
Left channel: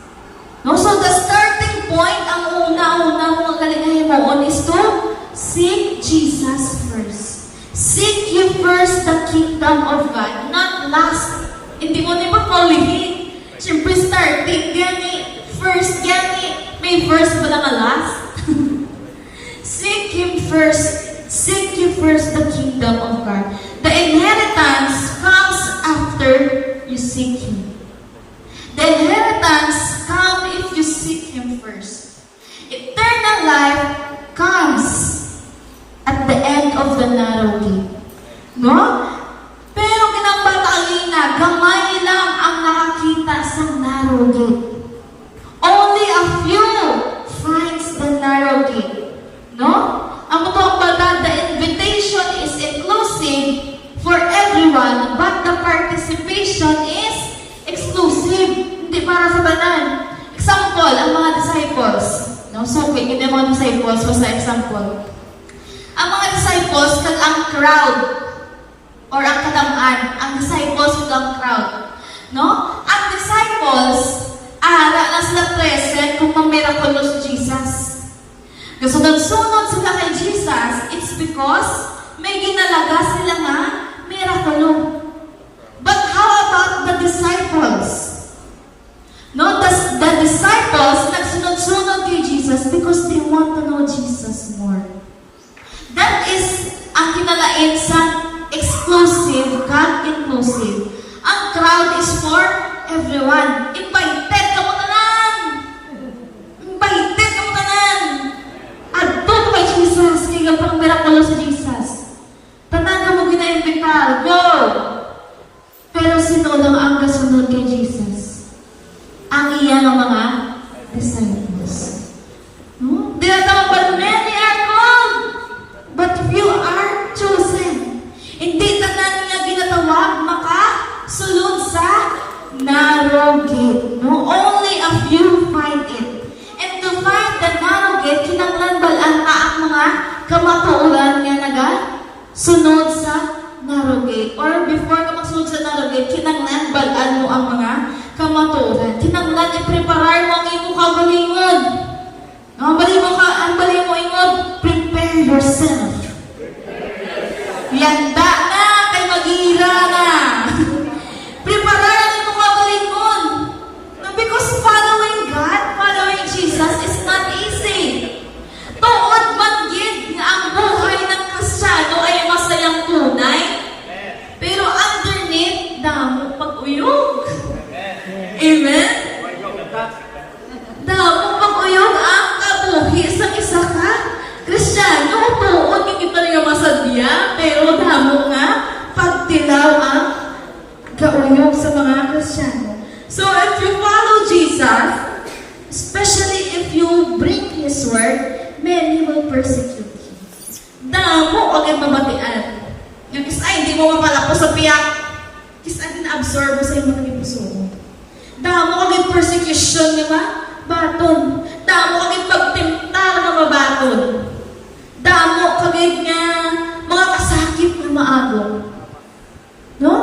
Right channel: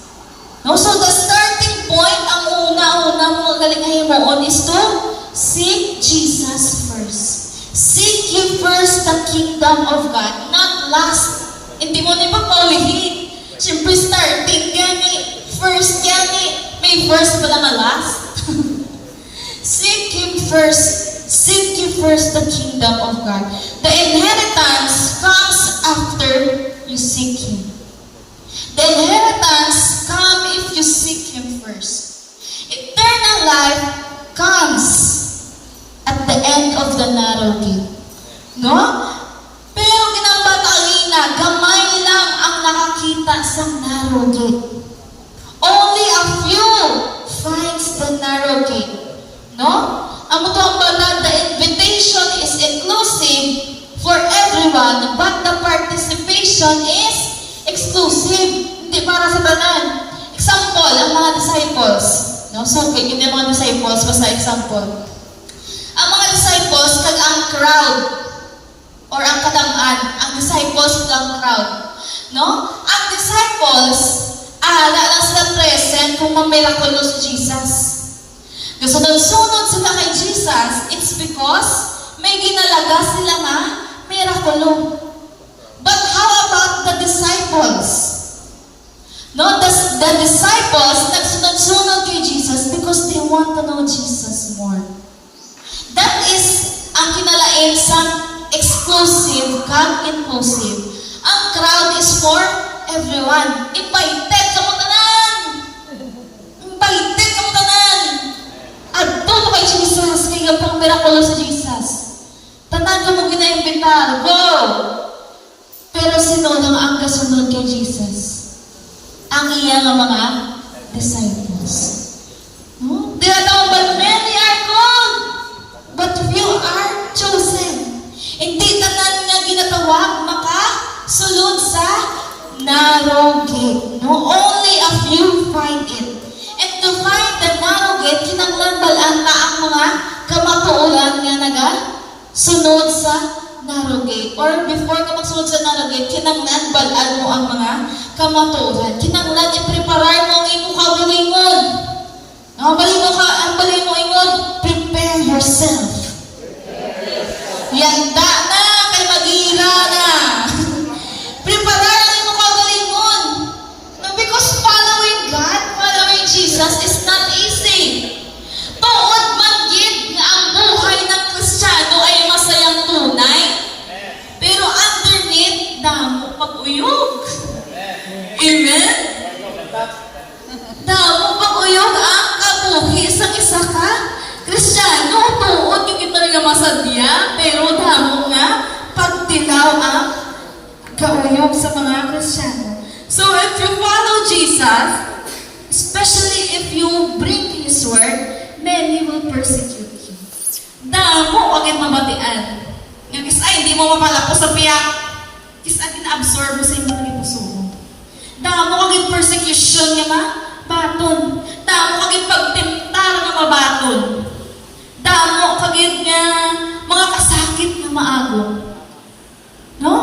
No, so the starting point, ang una mo galingahin mo on is to seek Jesus first. Seek ye first the kingdom of God, not last. Hindi mo ni paulihin. Siyempre starting gani, first gani, may first ba na last? Seek Him first. Seek ye first the kingdom of God. The inheritance comes after you seek Him. The inheritance comes if you seek Him first. Eternal life comes at the end of the narrow gate. No? Pero kinabatalina, gamay lang ang nakakita sa narrow gate. Only a few everyone, but the participation is exclusive. Hindi para sa tanan. Example, ang mga disciples. No? So, okay, hindi ang mga disciples, basta example. Ang mga disciples, kag ang crowd, or ang kadamaan, ang disciples kag ang crowd. No? Ang disciples, lang sila present kung mag-miracle si Jesus. Kasunod-sunod sila kay Jesus, it's because may ginalaga sila nga miracle. But how about the disciples? No, the disciples nagsunod-sunod kay Jesus because they want to know Jesus more. That is ang kinalain sa exclusive, God-inclusive. Ang crowd is for everyone. Invited ka mo tanan! Invited ka mo tanan! Adto ka kay Jesus, kaya pang miracle sa Jesus. Tanan ka mo gina-imbitar. Go! Pero sino lang ang kasunod kay Jesus? Ang iyang mga disciples. No? There are but many are called, but few are chosen. Hindi tanan nga ginatawag makasulod sa narrow gate. No? Only a few find it. And to find the narrow gate, kinanglan balaan pa ang mga kamatuoran nga sunod sa narrow gate. Or before ka magsunod sa narrow gate, kinanglan balaan mo ang mga kamatuoran. Kinanglan i-preparar mo ang imo kagalingon. Ang bali mo ingon, prepare yourself. Yanda na, kay mag-ira na. Preparar ang imo kagalingon. No, because following God, following Jesus is not easy. Tuod man gid nga ang buhay ng Kristiyano ay masayang tunay. Pero underneath, damo pag-uyog. Amen? Damo pag-uyog ang kabuhi sa isa ka Kristiyano. Tuod, hindi pa rin nga masadya, pero damo nga pagtilaw ang kauyog sa mga Kristiyano. So if you follow Jesus, especially if you bring His word, many will persecute you. Damo, huwag yung mabatian. Yung isa, hindi mo mapalapos sa piyak. Isa, gina-absorb mo sa inyo ng puso mo. Damo, huwag yung persecution nga baton. Damo, huwag yung pagtimtar nga mabaton. Damo, kagid nga mga kasakit na maagong. No?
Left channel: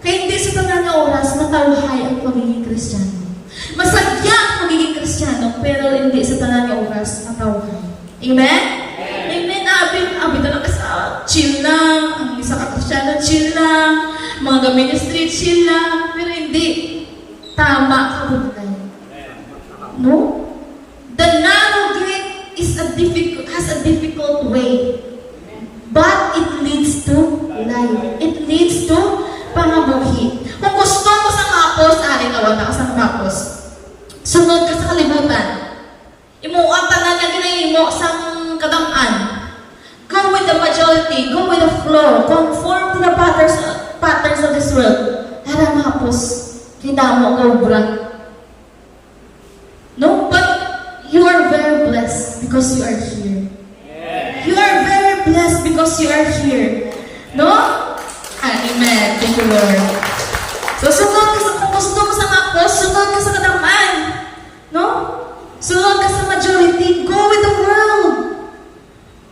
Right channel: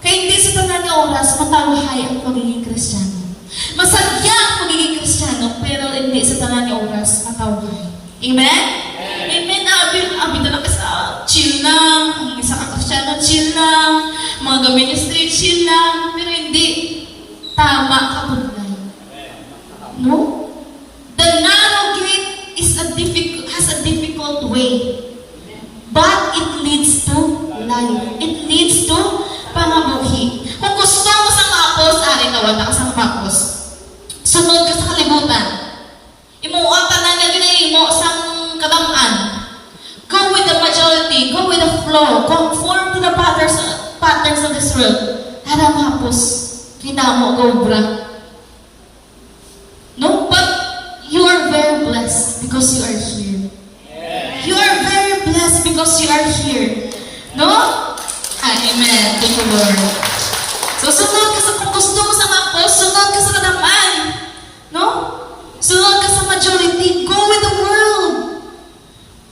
Kaya hindi sa tanan nga oras matawahay ang pagiging Kristiyano. Masagya ang pagiging Kristiyano, pero hindi sa tanan nga oras matawahay. Amen? Amen. Abi talaga sa chill lang. Ang isa ka Kristiyano, chill lang. Mga ministry, chill lang. Pero hindi. Tama ka bunay. No? The narrow gate has a difficult way. But it leads to life. It leads to pangabuhi. Kung gusto mo sa kapos, tawag ka sa kapos. Sunod ka sa kalibutan. Imuang ka na ginahimo sa kadamaan. Go with the majority. Go with the flow. Conform to the patterns of this world. Harang kapos. Kita mo gobra. No, but you are very blessed because you are here. You are very blessed because you are here. No? Amen. Thank you, Lord. So, sunod ka sa kung gusto mo sa kapos, sunod ka sa kadamaan. No? Sunod ka sa majority. Go with the world.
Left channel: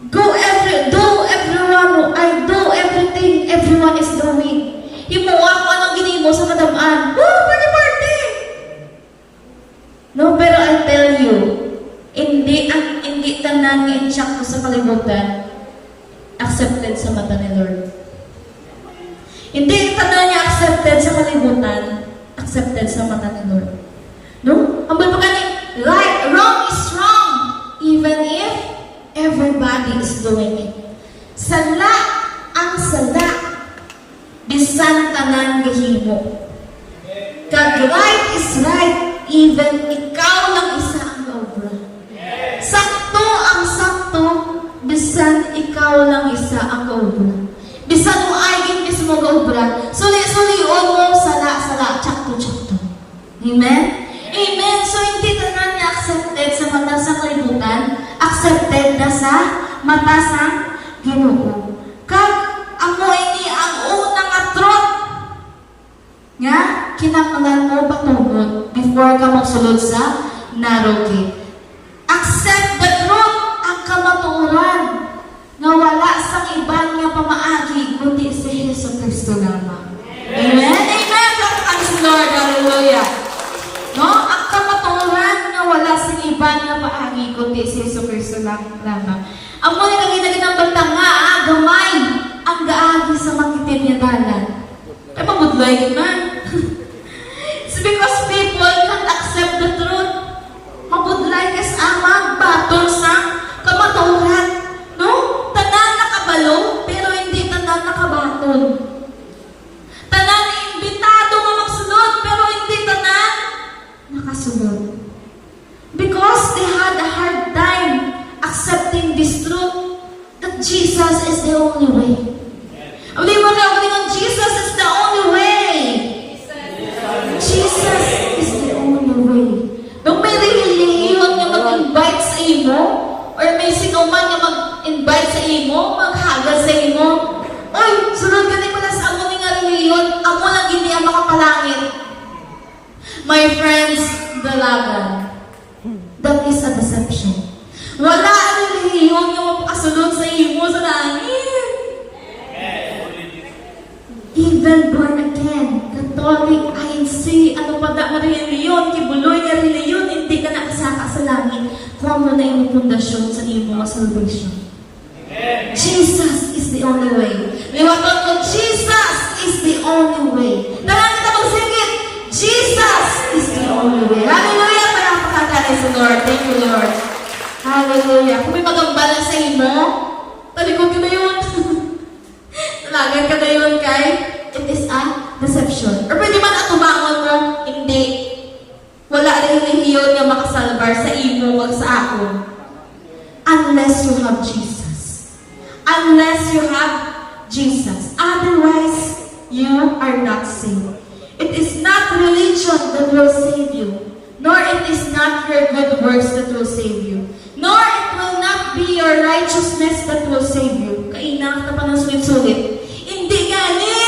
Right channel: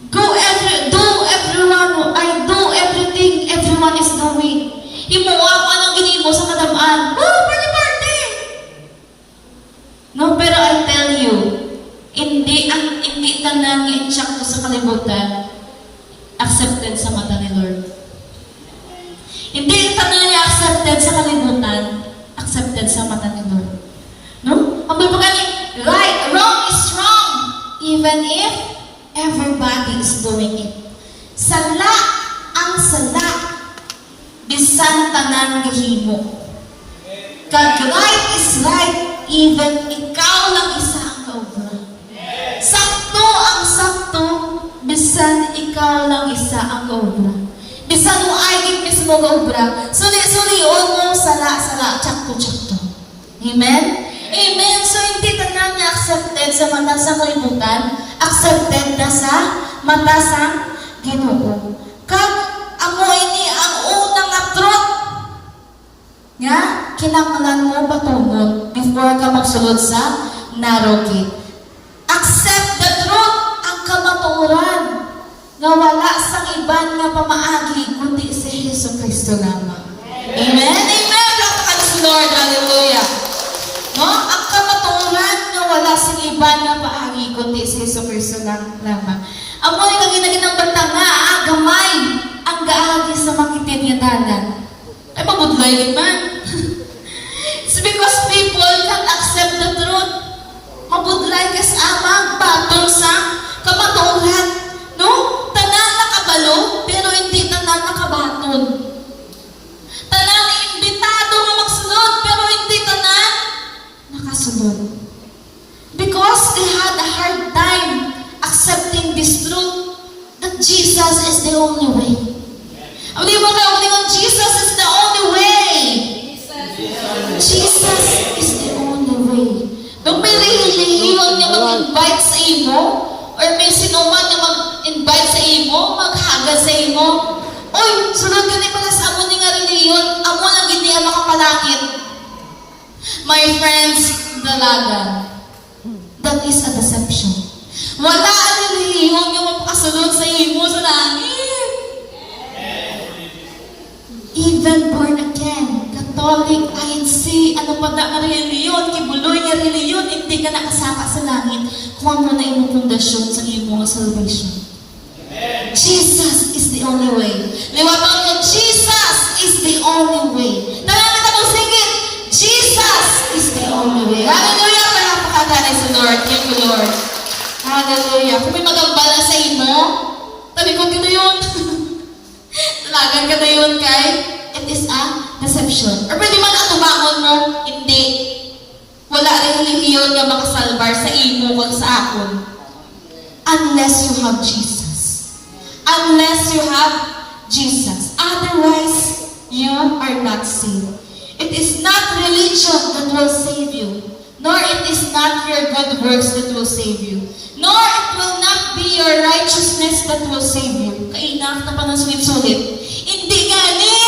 Do everything everyone is doing. Himuha ko anong ginimo sa kadamaan. Party! No, pero I tell you, hindi tanan nga insakto sa kalibutan accepted sa mata ni Lord. Hindi tanan niya accepted sa kalibutan, accepted sa mata ni Lord. No? Ang pagpagaling, right, wrong is wrong, even if everybody is doing it. Sala ang sala, bisan tanan gahimo. Kag right is right, even ikaw lang isa ang kaobra. Sakto ang sakto, bisan ikaw lang isa ang kaobra. Bisan mo ay mismo kaobra, suli-sulion mo, sala-sala, tsakto-tsakto. Amen? Amen. So, hindi tanan niya accepted sa mata sa kalibutan, accepted na sa mata sa Ginoo. Kag amo ini ang unang nga truth narrow gate. Accept the truth, ang kamatuoran, nga wala sa iban nga pamaagi, kundi si Hesus Kristo lamang. Amen? Amen! Lapakan si Lord. Hallelujah! No? Ang kamatuoran nga wala sa iban nga paagi, kundi si Hesus Kristo lamang. Ang muli nga ginagin ng banta nga, gamay, ang gaagi sa makitid nga dalan. Ay, mabudlay man. It's because people can't accept the truth. Mabudlay kas amang batong sa kamatuoran. No? Tanan nakabalo, pero hindi tanan nakabaton. Tanan imbitado nga magsulod, pero hindi tanan nakasulod. Because they had a hard time accepting this truth that Jesus is the only way. Ang di mo na Jesus is the only way. Jesus is the only way. Nung may relihiyon nga mag-invite sa imo, or may sinuman nga mag-invite sa imo, maghagad sa imo, oy, sunod ka ni pala sa amo ni nga relihiyon, amo lang hindi ang makapalangit. My friends, dalagan. That is a deception. Wala ang relihiyon nga mapakasunod sa imo sa langit. Even born again, Catholic, INC, ano pa da nga reliyon, kibuloy nga reliyon, hindi ka nakasaka sa langit kung mo na imong pundasyon sa iyong mga salvation. Amen. Jesus is the only way. Liwaton ko, Jesus is the only way. Dalangin ako, sigit, Jesus is the only way. Hallelujah! Palapakakanay sa Lord. Thank you, Lord. Hallelujah. Kung may magambal na sa imo, talikod ko na yun. Talagan ka na yun, kay it is a deception. Or pwede man atubangon mo, hindi. Wala rin relihiyon na makasalbar sa imo wag sa akon. Unless you have Jesus. Unless you have Jesus. Otherwise, you are not saved. It is not religion that will save you. Nor it is not your good works that will save you. Nor it will not be your righteousness that will save you. Kainaf na pa ng sulit-sulit. Hindi gani!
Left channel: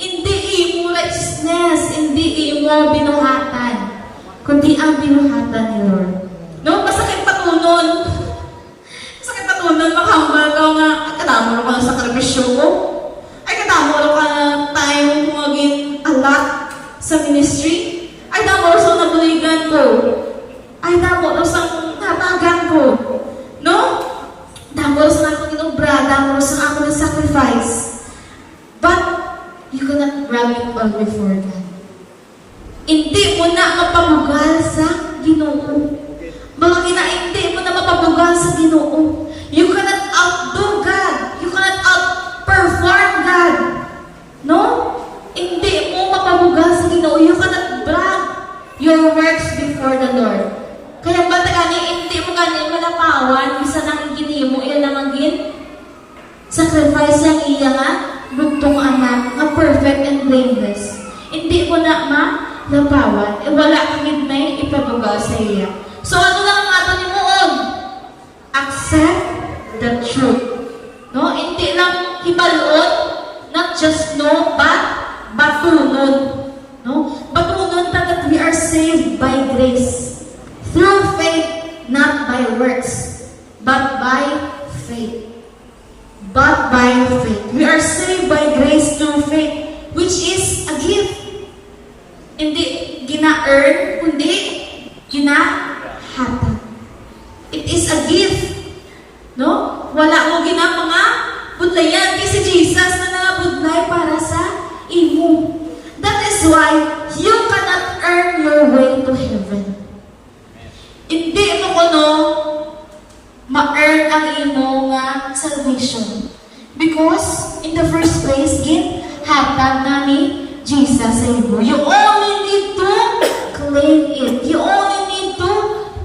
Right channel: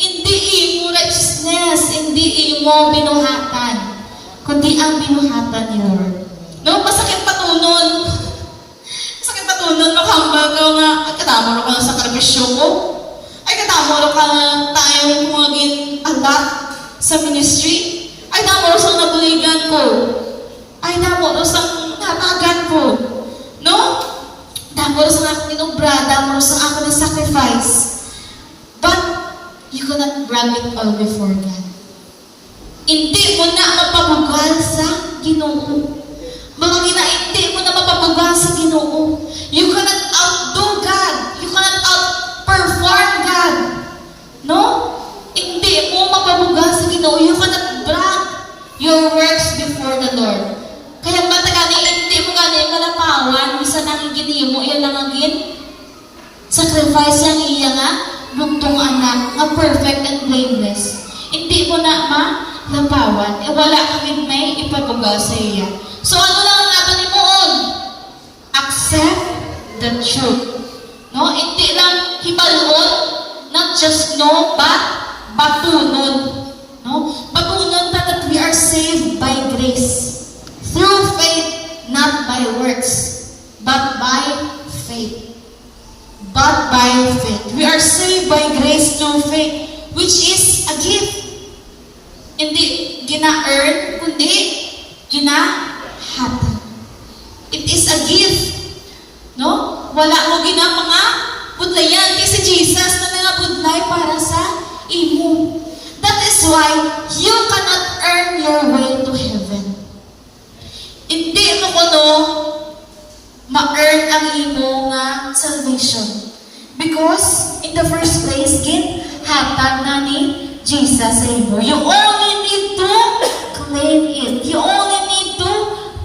Hindi imo righteousness, hindi imo binuhatan, kundi ang binuhatan ni Lord. No? Masakit patunon. Masakit patunon, makahambal ka nga, ay katamo ka na sa kalibisyo ko. Ay katamo ka na tayong maging alat sa ministry. Ay tamo sa nabuligan ko. Ay tamo sa natagan ko. No? Tamo sa akong inubra, tamo sa akong sacrifice. But, you cannot brag it all before God. Hindi mo na mapabugal sa Ginoo. Mga hindi mo na mapabugal sa Ginoo. You cannot outdo God. You cannot outperform God. No? Hindi mo mapabugal sa Ginoo. You cannot brag your works before the Lord. Kaya ba gani, hindi mo gani malapawan, bisa nang gini mo, iyan lang agin. Sacrifice yang iya nga, bugtong anak, nga perfect and blameless. Hindi mo na malapawan, wala kagid may ipabugal sa iya. So ano lang ang ato ni Moon? Accept the truth. No? Hindi lang hibaloon, not just know, but batunod. No? Batunod that we are saved by grace. Through faith, not by works, but by faith. But by faith. We are saved by grace through faith, which is a gift. Hindi gina-earn, kundi gina-hatag. It is a gift. No? Wala mo mga budlayan. Kasi Jesus na nangabudlay para sa imo. That is why you cannot earn your way to heaven. Hindi mo kuno ma-earn ang imo nga salvation. Because, in the first place, hatag na ni Jesus sa imo. You only need to claim it. You only need to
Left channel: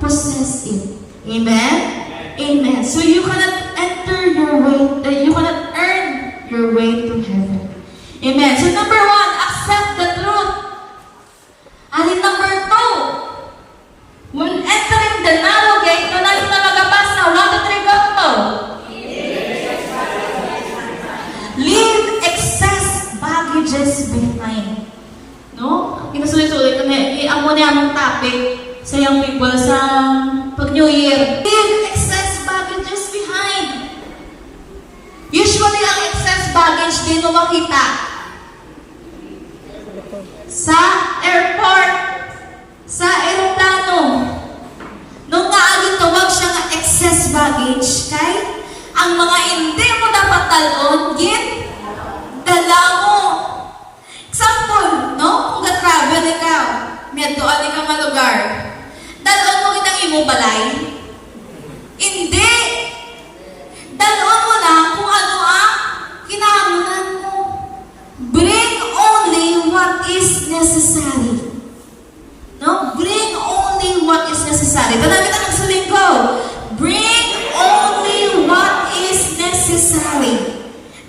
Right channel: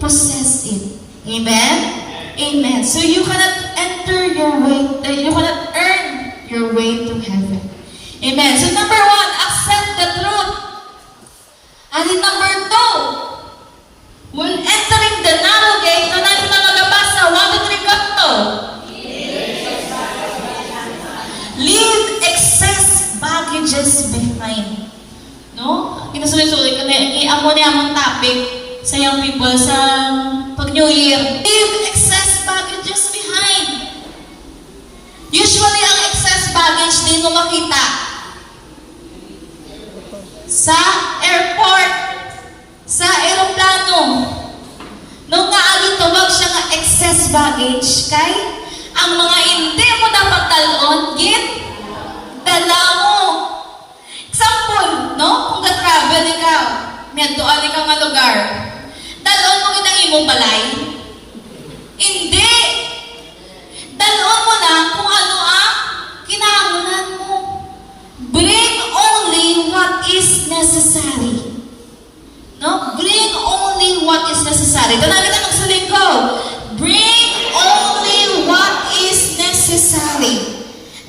possess it. Amen? Amen. So you cannot enter your way, you cannot earn your way to heaven. Amen. So number 1, accept the truth. And in number 2, when entering the narrow gate, na natin na magabasa, 1, 2, 3, go. Leave excess baggages behind. No? Pinasulit-sulit ko na, i-amo niya among topic sa young people sa pag New Year. Leave excess baggages behind. Usually, ang excess baggage din mo makita sa airport, sa aeroplano. Nung naagin tawag siya nga excess baggage, kay ang mga hindi mo dapat talon, dala mo. Example, no? Kung ga-travel ikaw, medyoan ka mga lugar, dalon mo kitang imong balay? Hindi! Dalon mo lang kung ano ang kinahanglan mo. Bring only what is necessary. No? Bring only what is necessary. Dala kita magsaling ko. Bring only what is necessary.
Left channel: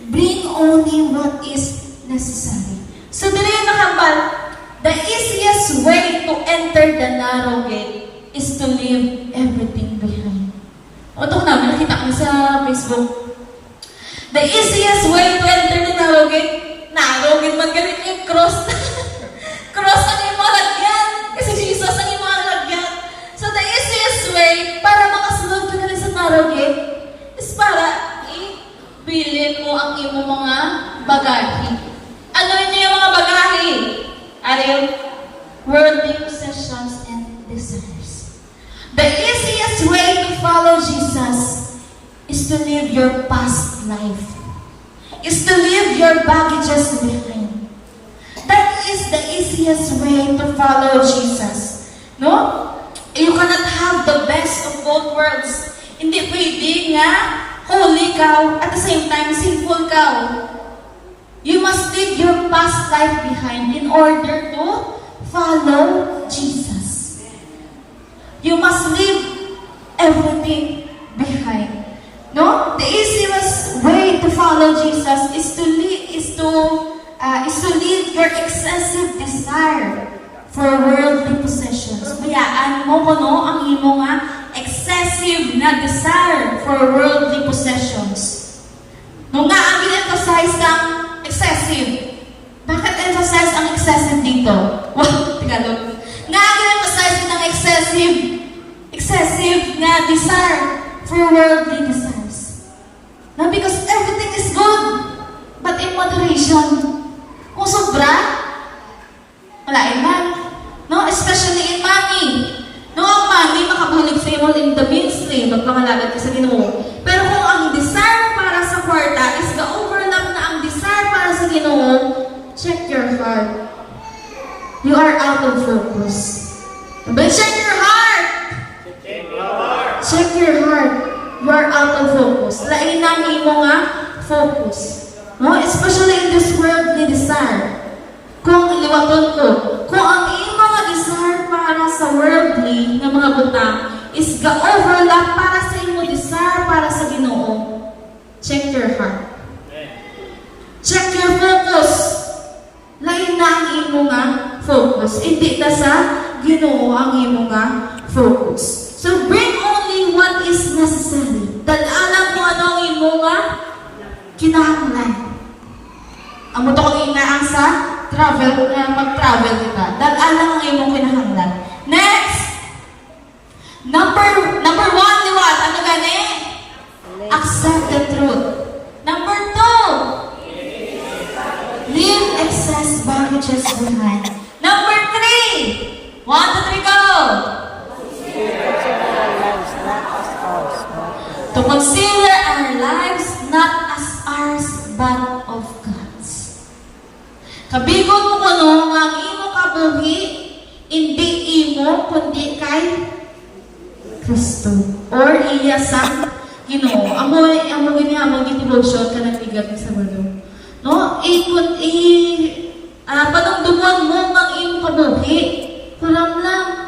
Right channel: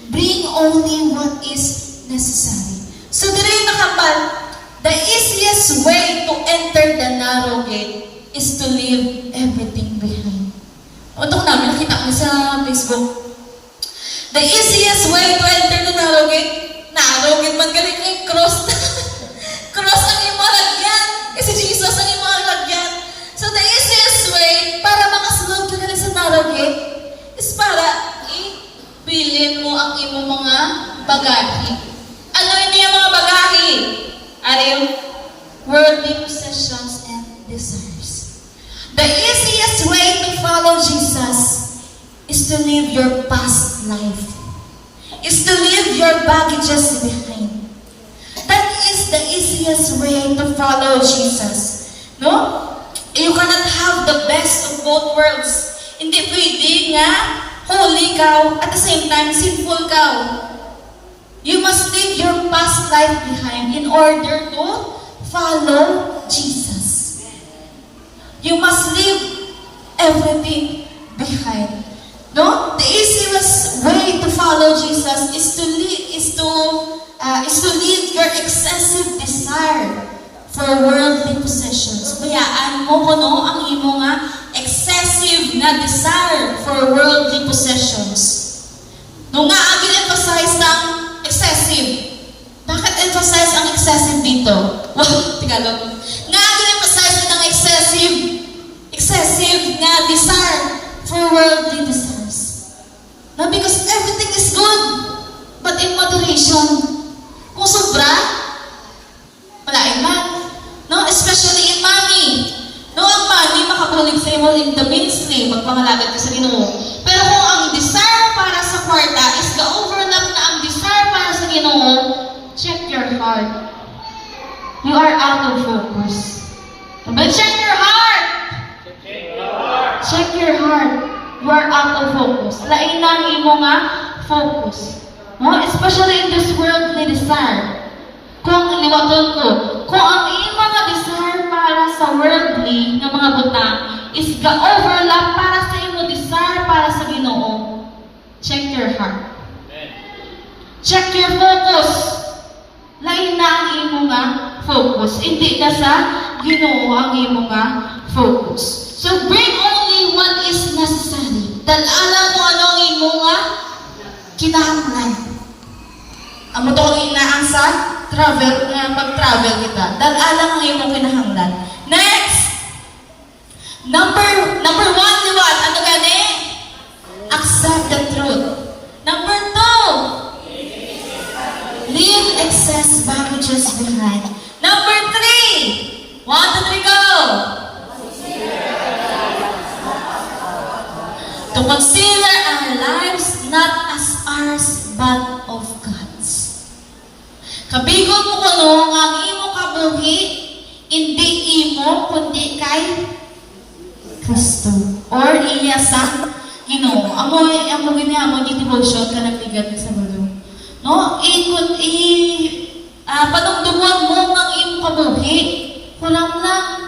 Bring only what is necessary. So, dito yung nakambal, the easiest way to enter the narrow gate is to leave everything behind. O, ito namin, nakita ko sa Facebook. The easiest way to enter the narrow gate man galing yung cross. Cross ang imong lagyan. Kasi Jesus ang imong lagyan. So, the easiest way para makasunod ka na sa narrow gate is para ibilin mo ang imong mga bagahe. Ano yun yung mga bagahe? Are you worldly possessions and desires? The easiest way to follow Jesus is to live your past life. Is to leave your baggages behind. That is the easiest way to follow Jesus. No? You cannot have the best of both worlds. Hindi pwede nga holy ka at the same time sinful ka. You must leave your past life behind in order to follow Jesus. You must leave everything behind. No? The easiest way to follow Jesus is to leave your excessive desire for worldly possessions. Bayaan mo kuno ang imo nga excessive na desire for worldly possessions. Nung nga ang emphasize ng excessive. Bakit emphasize ang excessive dito? Wow, Tagalog. Nga ang emphasize ng excessive na desire for worldly desires. No, because everything is good, but in moderation. Kung sobra, wala man. No, especially in money. No, ang money makabulig sa imo in the ministry, magpangalagat ka sa Ginoo. Pero kung ang desire mo para sa kwarta is ga-overlap na ang desire para sa Ginoo, check your heart. You are out of focus. But check your heart. Check your heart. You are out of focus. Lain na ang imo nga focus. No? Especially in this worldly desire. Kung iliwaton ko, kung ang imo nga desire para sa worldly nga mga butang is ga-overlap para sa imo desire para sa Ginoo, check your heart. Check your focus. Lain na ang imo nga focus. Hindi na sa Ginoo ang imo nga focus. So bring only what is necessary. Dalalan mo ano ang imo nga kinahanglan. Ang mo to kung inaan sa travel, mag-travel kita. Dalalan ang imo kinahanglan. Next! Number one, liwat. Ano gani? Accept the truth. Number 2, leave excess baggages behind. Number 3, 1, 2, 3, go! To consider our lives not as ours, but of God's. Kabigon mo kuno nga ang imo kabuhi, hindi imo kundi kay Kristo or iya sa Ginoo. Amo devotion ka ng bigat sa bulo. No? Panumduman mo ang imo kabuhi. Kulang lang.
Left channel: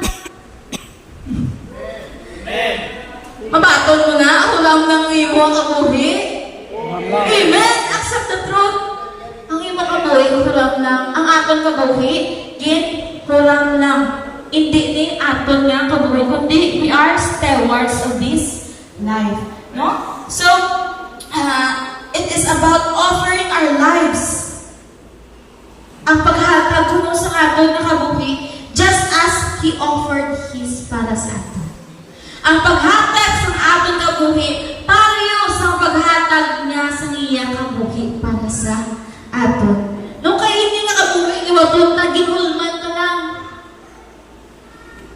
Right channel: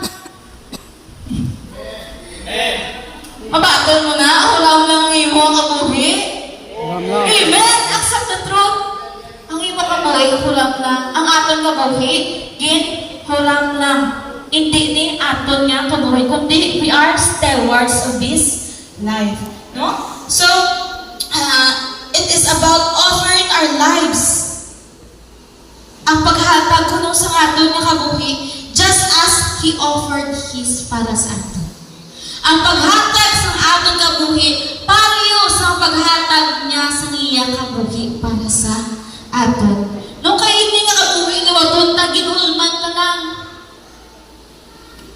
Mabaton mo na, hulang lang ang imo kabuhi. Amen. Accept the truth. Ang imo kabuhi, hulang lang. Ang aton kabuhi, hulang lang. Hindi ni aton nga kabuhi, kundi we are stewards of this life. No? So, it is about offering our lives. Ang paghatag kuno sa aton nga kabuhi, just as He offered His ihatag niya sa iya kabuhi para sa aton. Nung kayo hindi nga kabuhi ni Wadon, naginulman ka lang.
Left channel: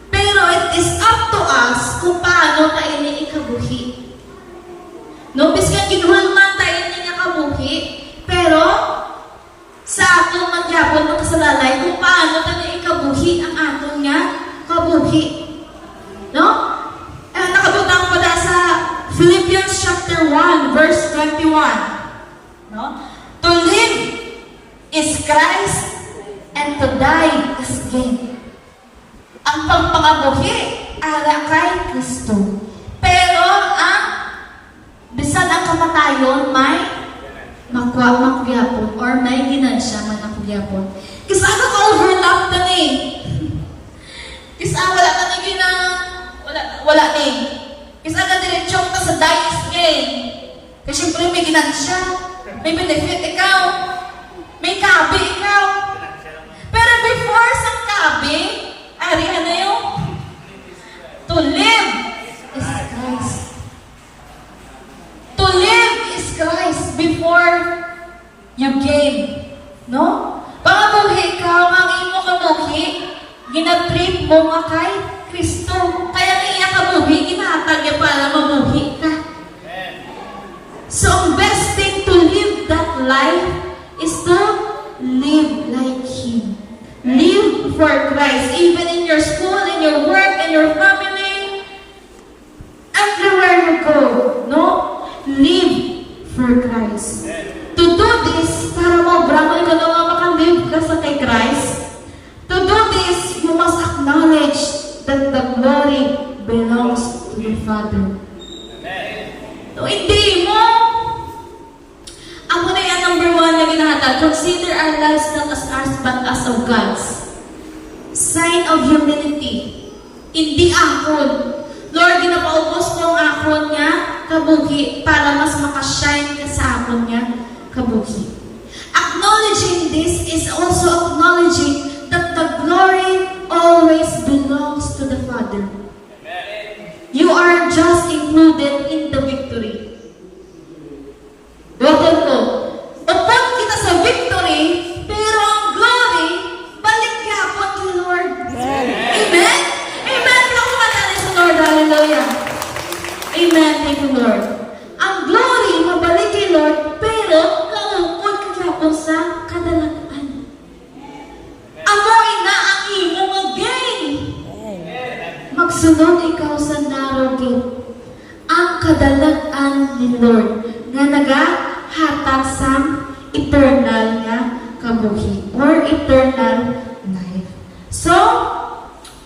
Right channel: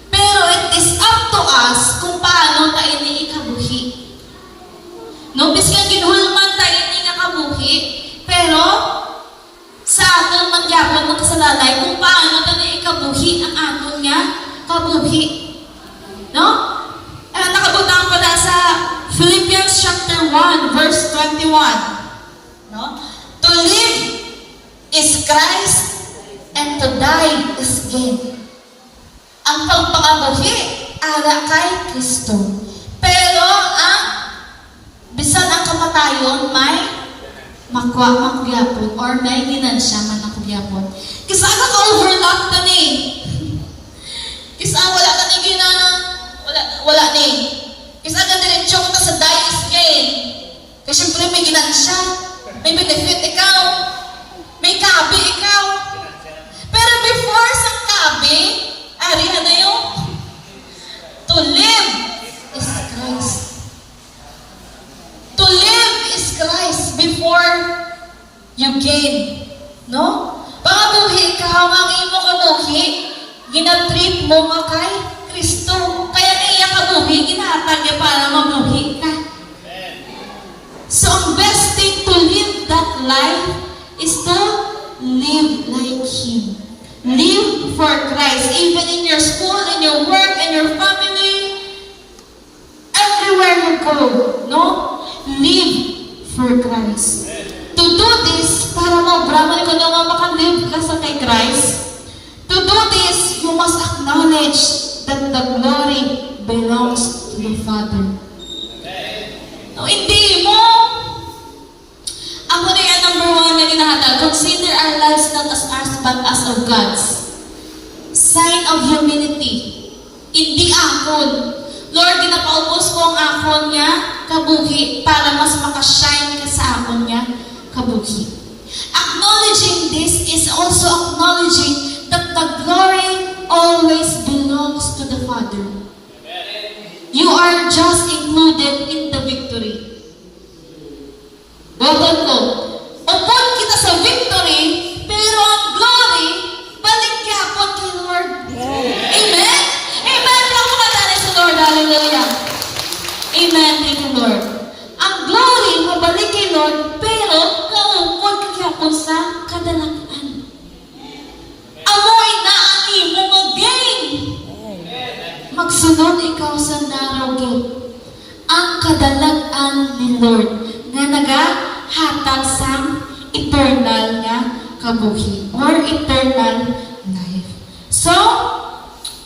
Pero it is up to us kung paano tayo ni ikabuhi. No, bis nga ginulman tayo ni nga kabuhi, pero sa aton man gapon ng kasalalay kung paano tayo ni ikabuhi ang aton nga kabuhi. No? Nakabutang pa sa Philippians chapter 1, verse 21. No? To live is Christ and to die is gain. Ang pagpangabuhi ara kay Kristo. Pero ang bisan ang kamatayon may makulyapon or may ginansya man makulyapon. Kisa ka overlap na ni. Kisa wala ka ni wala ni. Kisa ka diretsyon ka sa die is gain. Kasi siyempre may ginansya, may benefit ikaw, may kabi ikaw. Pero before sa kabi, ari na yung to live is Christ. To live is Christ before you gain. No? Pangabuhi ka, ang imo kabuhi, ginatrip mo nga kay Kristo. Kaya niya kabuhi, ginahatag niya para mabuhi ka. So, ang best thing to live that life is to live like Him. Live for Christ. Even in your school, in your work, in your family, everywhere you go, no? Live for Christ. To do this, para brahman ko na nga makalive ka sa kay Christ, to do this, you must acknowledge that the glory belongs to the Father. No, hindi mo. Ako na yung number 1 na ginahatag. Consider our lives not as ours but as of God's. Sign of humility. Hindi akon. Lord, ginapaubos ko ang akon niya kabuhi para mas makashine ka sa akon niya kabuhi. Acknowledging this is also acknowledging that the glory always belongs to the Father. You are just included in the victory. Bukod ko, upon kita sa victory, pero ang glory, balik yapon kay Lord. Amen? Amen. Kaya kumatala sa Lord. Hallelujah. Amen. Thank you, Lord. Ang glory, mabalik kay Lord, pero kaupon kayapon sa kadalakan. Amoy na ang imo mag-gain. Magsunod ikaw sa narrow gate. Ang kadalakan ni Lord nga nagahatag sa eternal nga kabuhi or eternal life. So,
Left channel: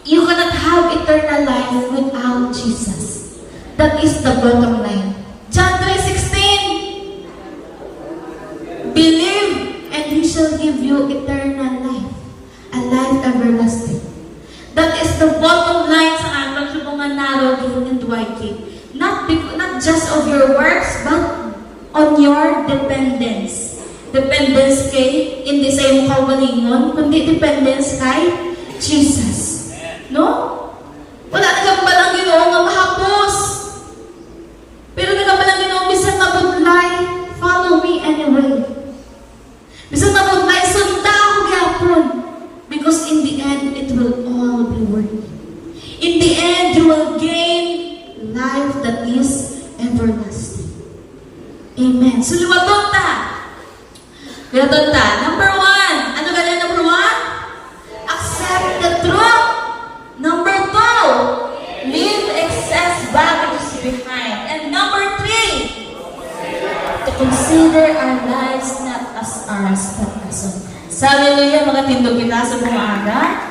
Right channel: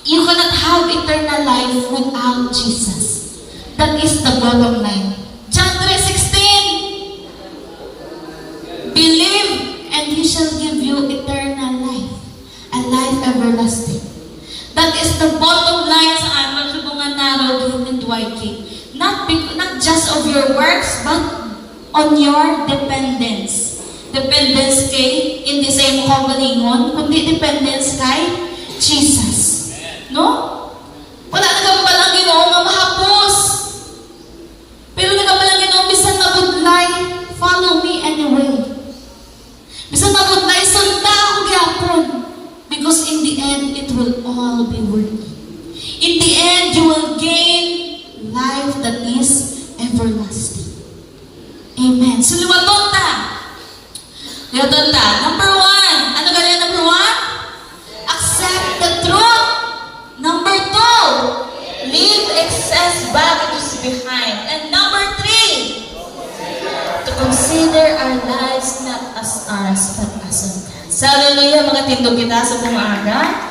you cannot have eternal life without Jesus. That is the bottom line. John 3:16. Believe and He shall give you eternal life, a life everlasting. That is the bottom line sa ating subungan narrow gate and wide gate. Not just of your works, but on your dependence. Dependence kay, hindi sa iyong kabalingon, kundi dependence kay Jesus. No? Wala nagkabalang Ginoo nga mahapos. Pero nagkabalang Ginoo, bisan mabudlay, follow me anyway. Bisan mabudlay, sunta ako gyapon. Because in the end, it will all be worth it. In the end, you will gain life that is everlasting. Amen. So, liwaton ta. Number 1. Ano ganun number 1? Accept the truth. Number 2. Leave excess baggage behind. And number 3. To consider our lives not as ours, but as of God. Hallelujah, mga tindog kita sa buong araw.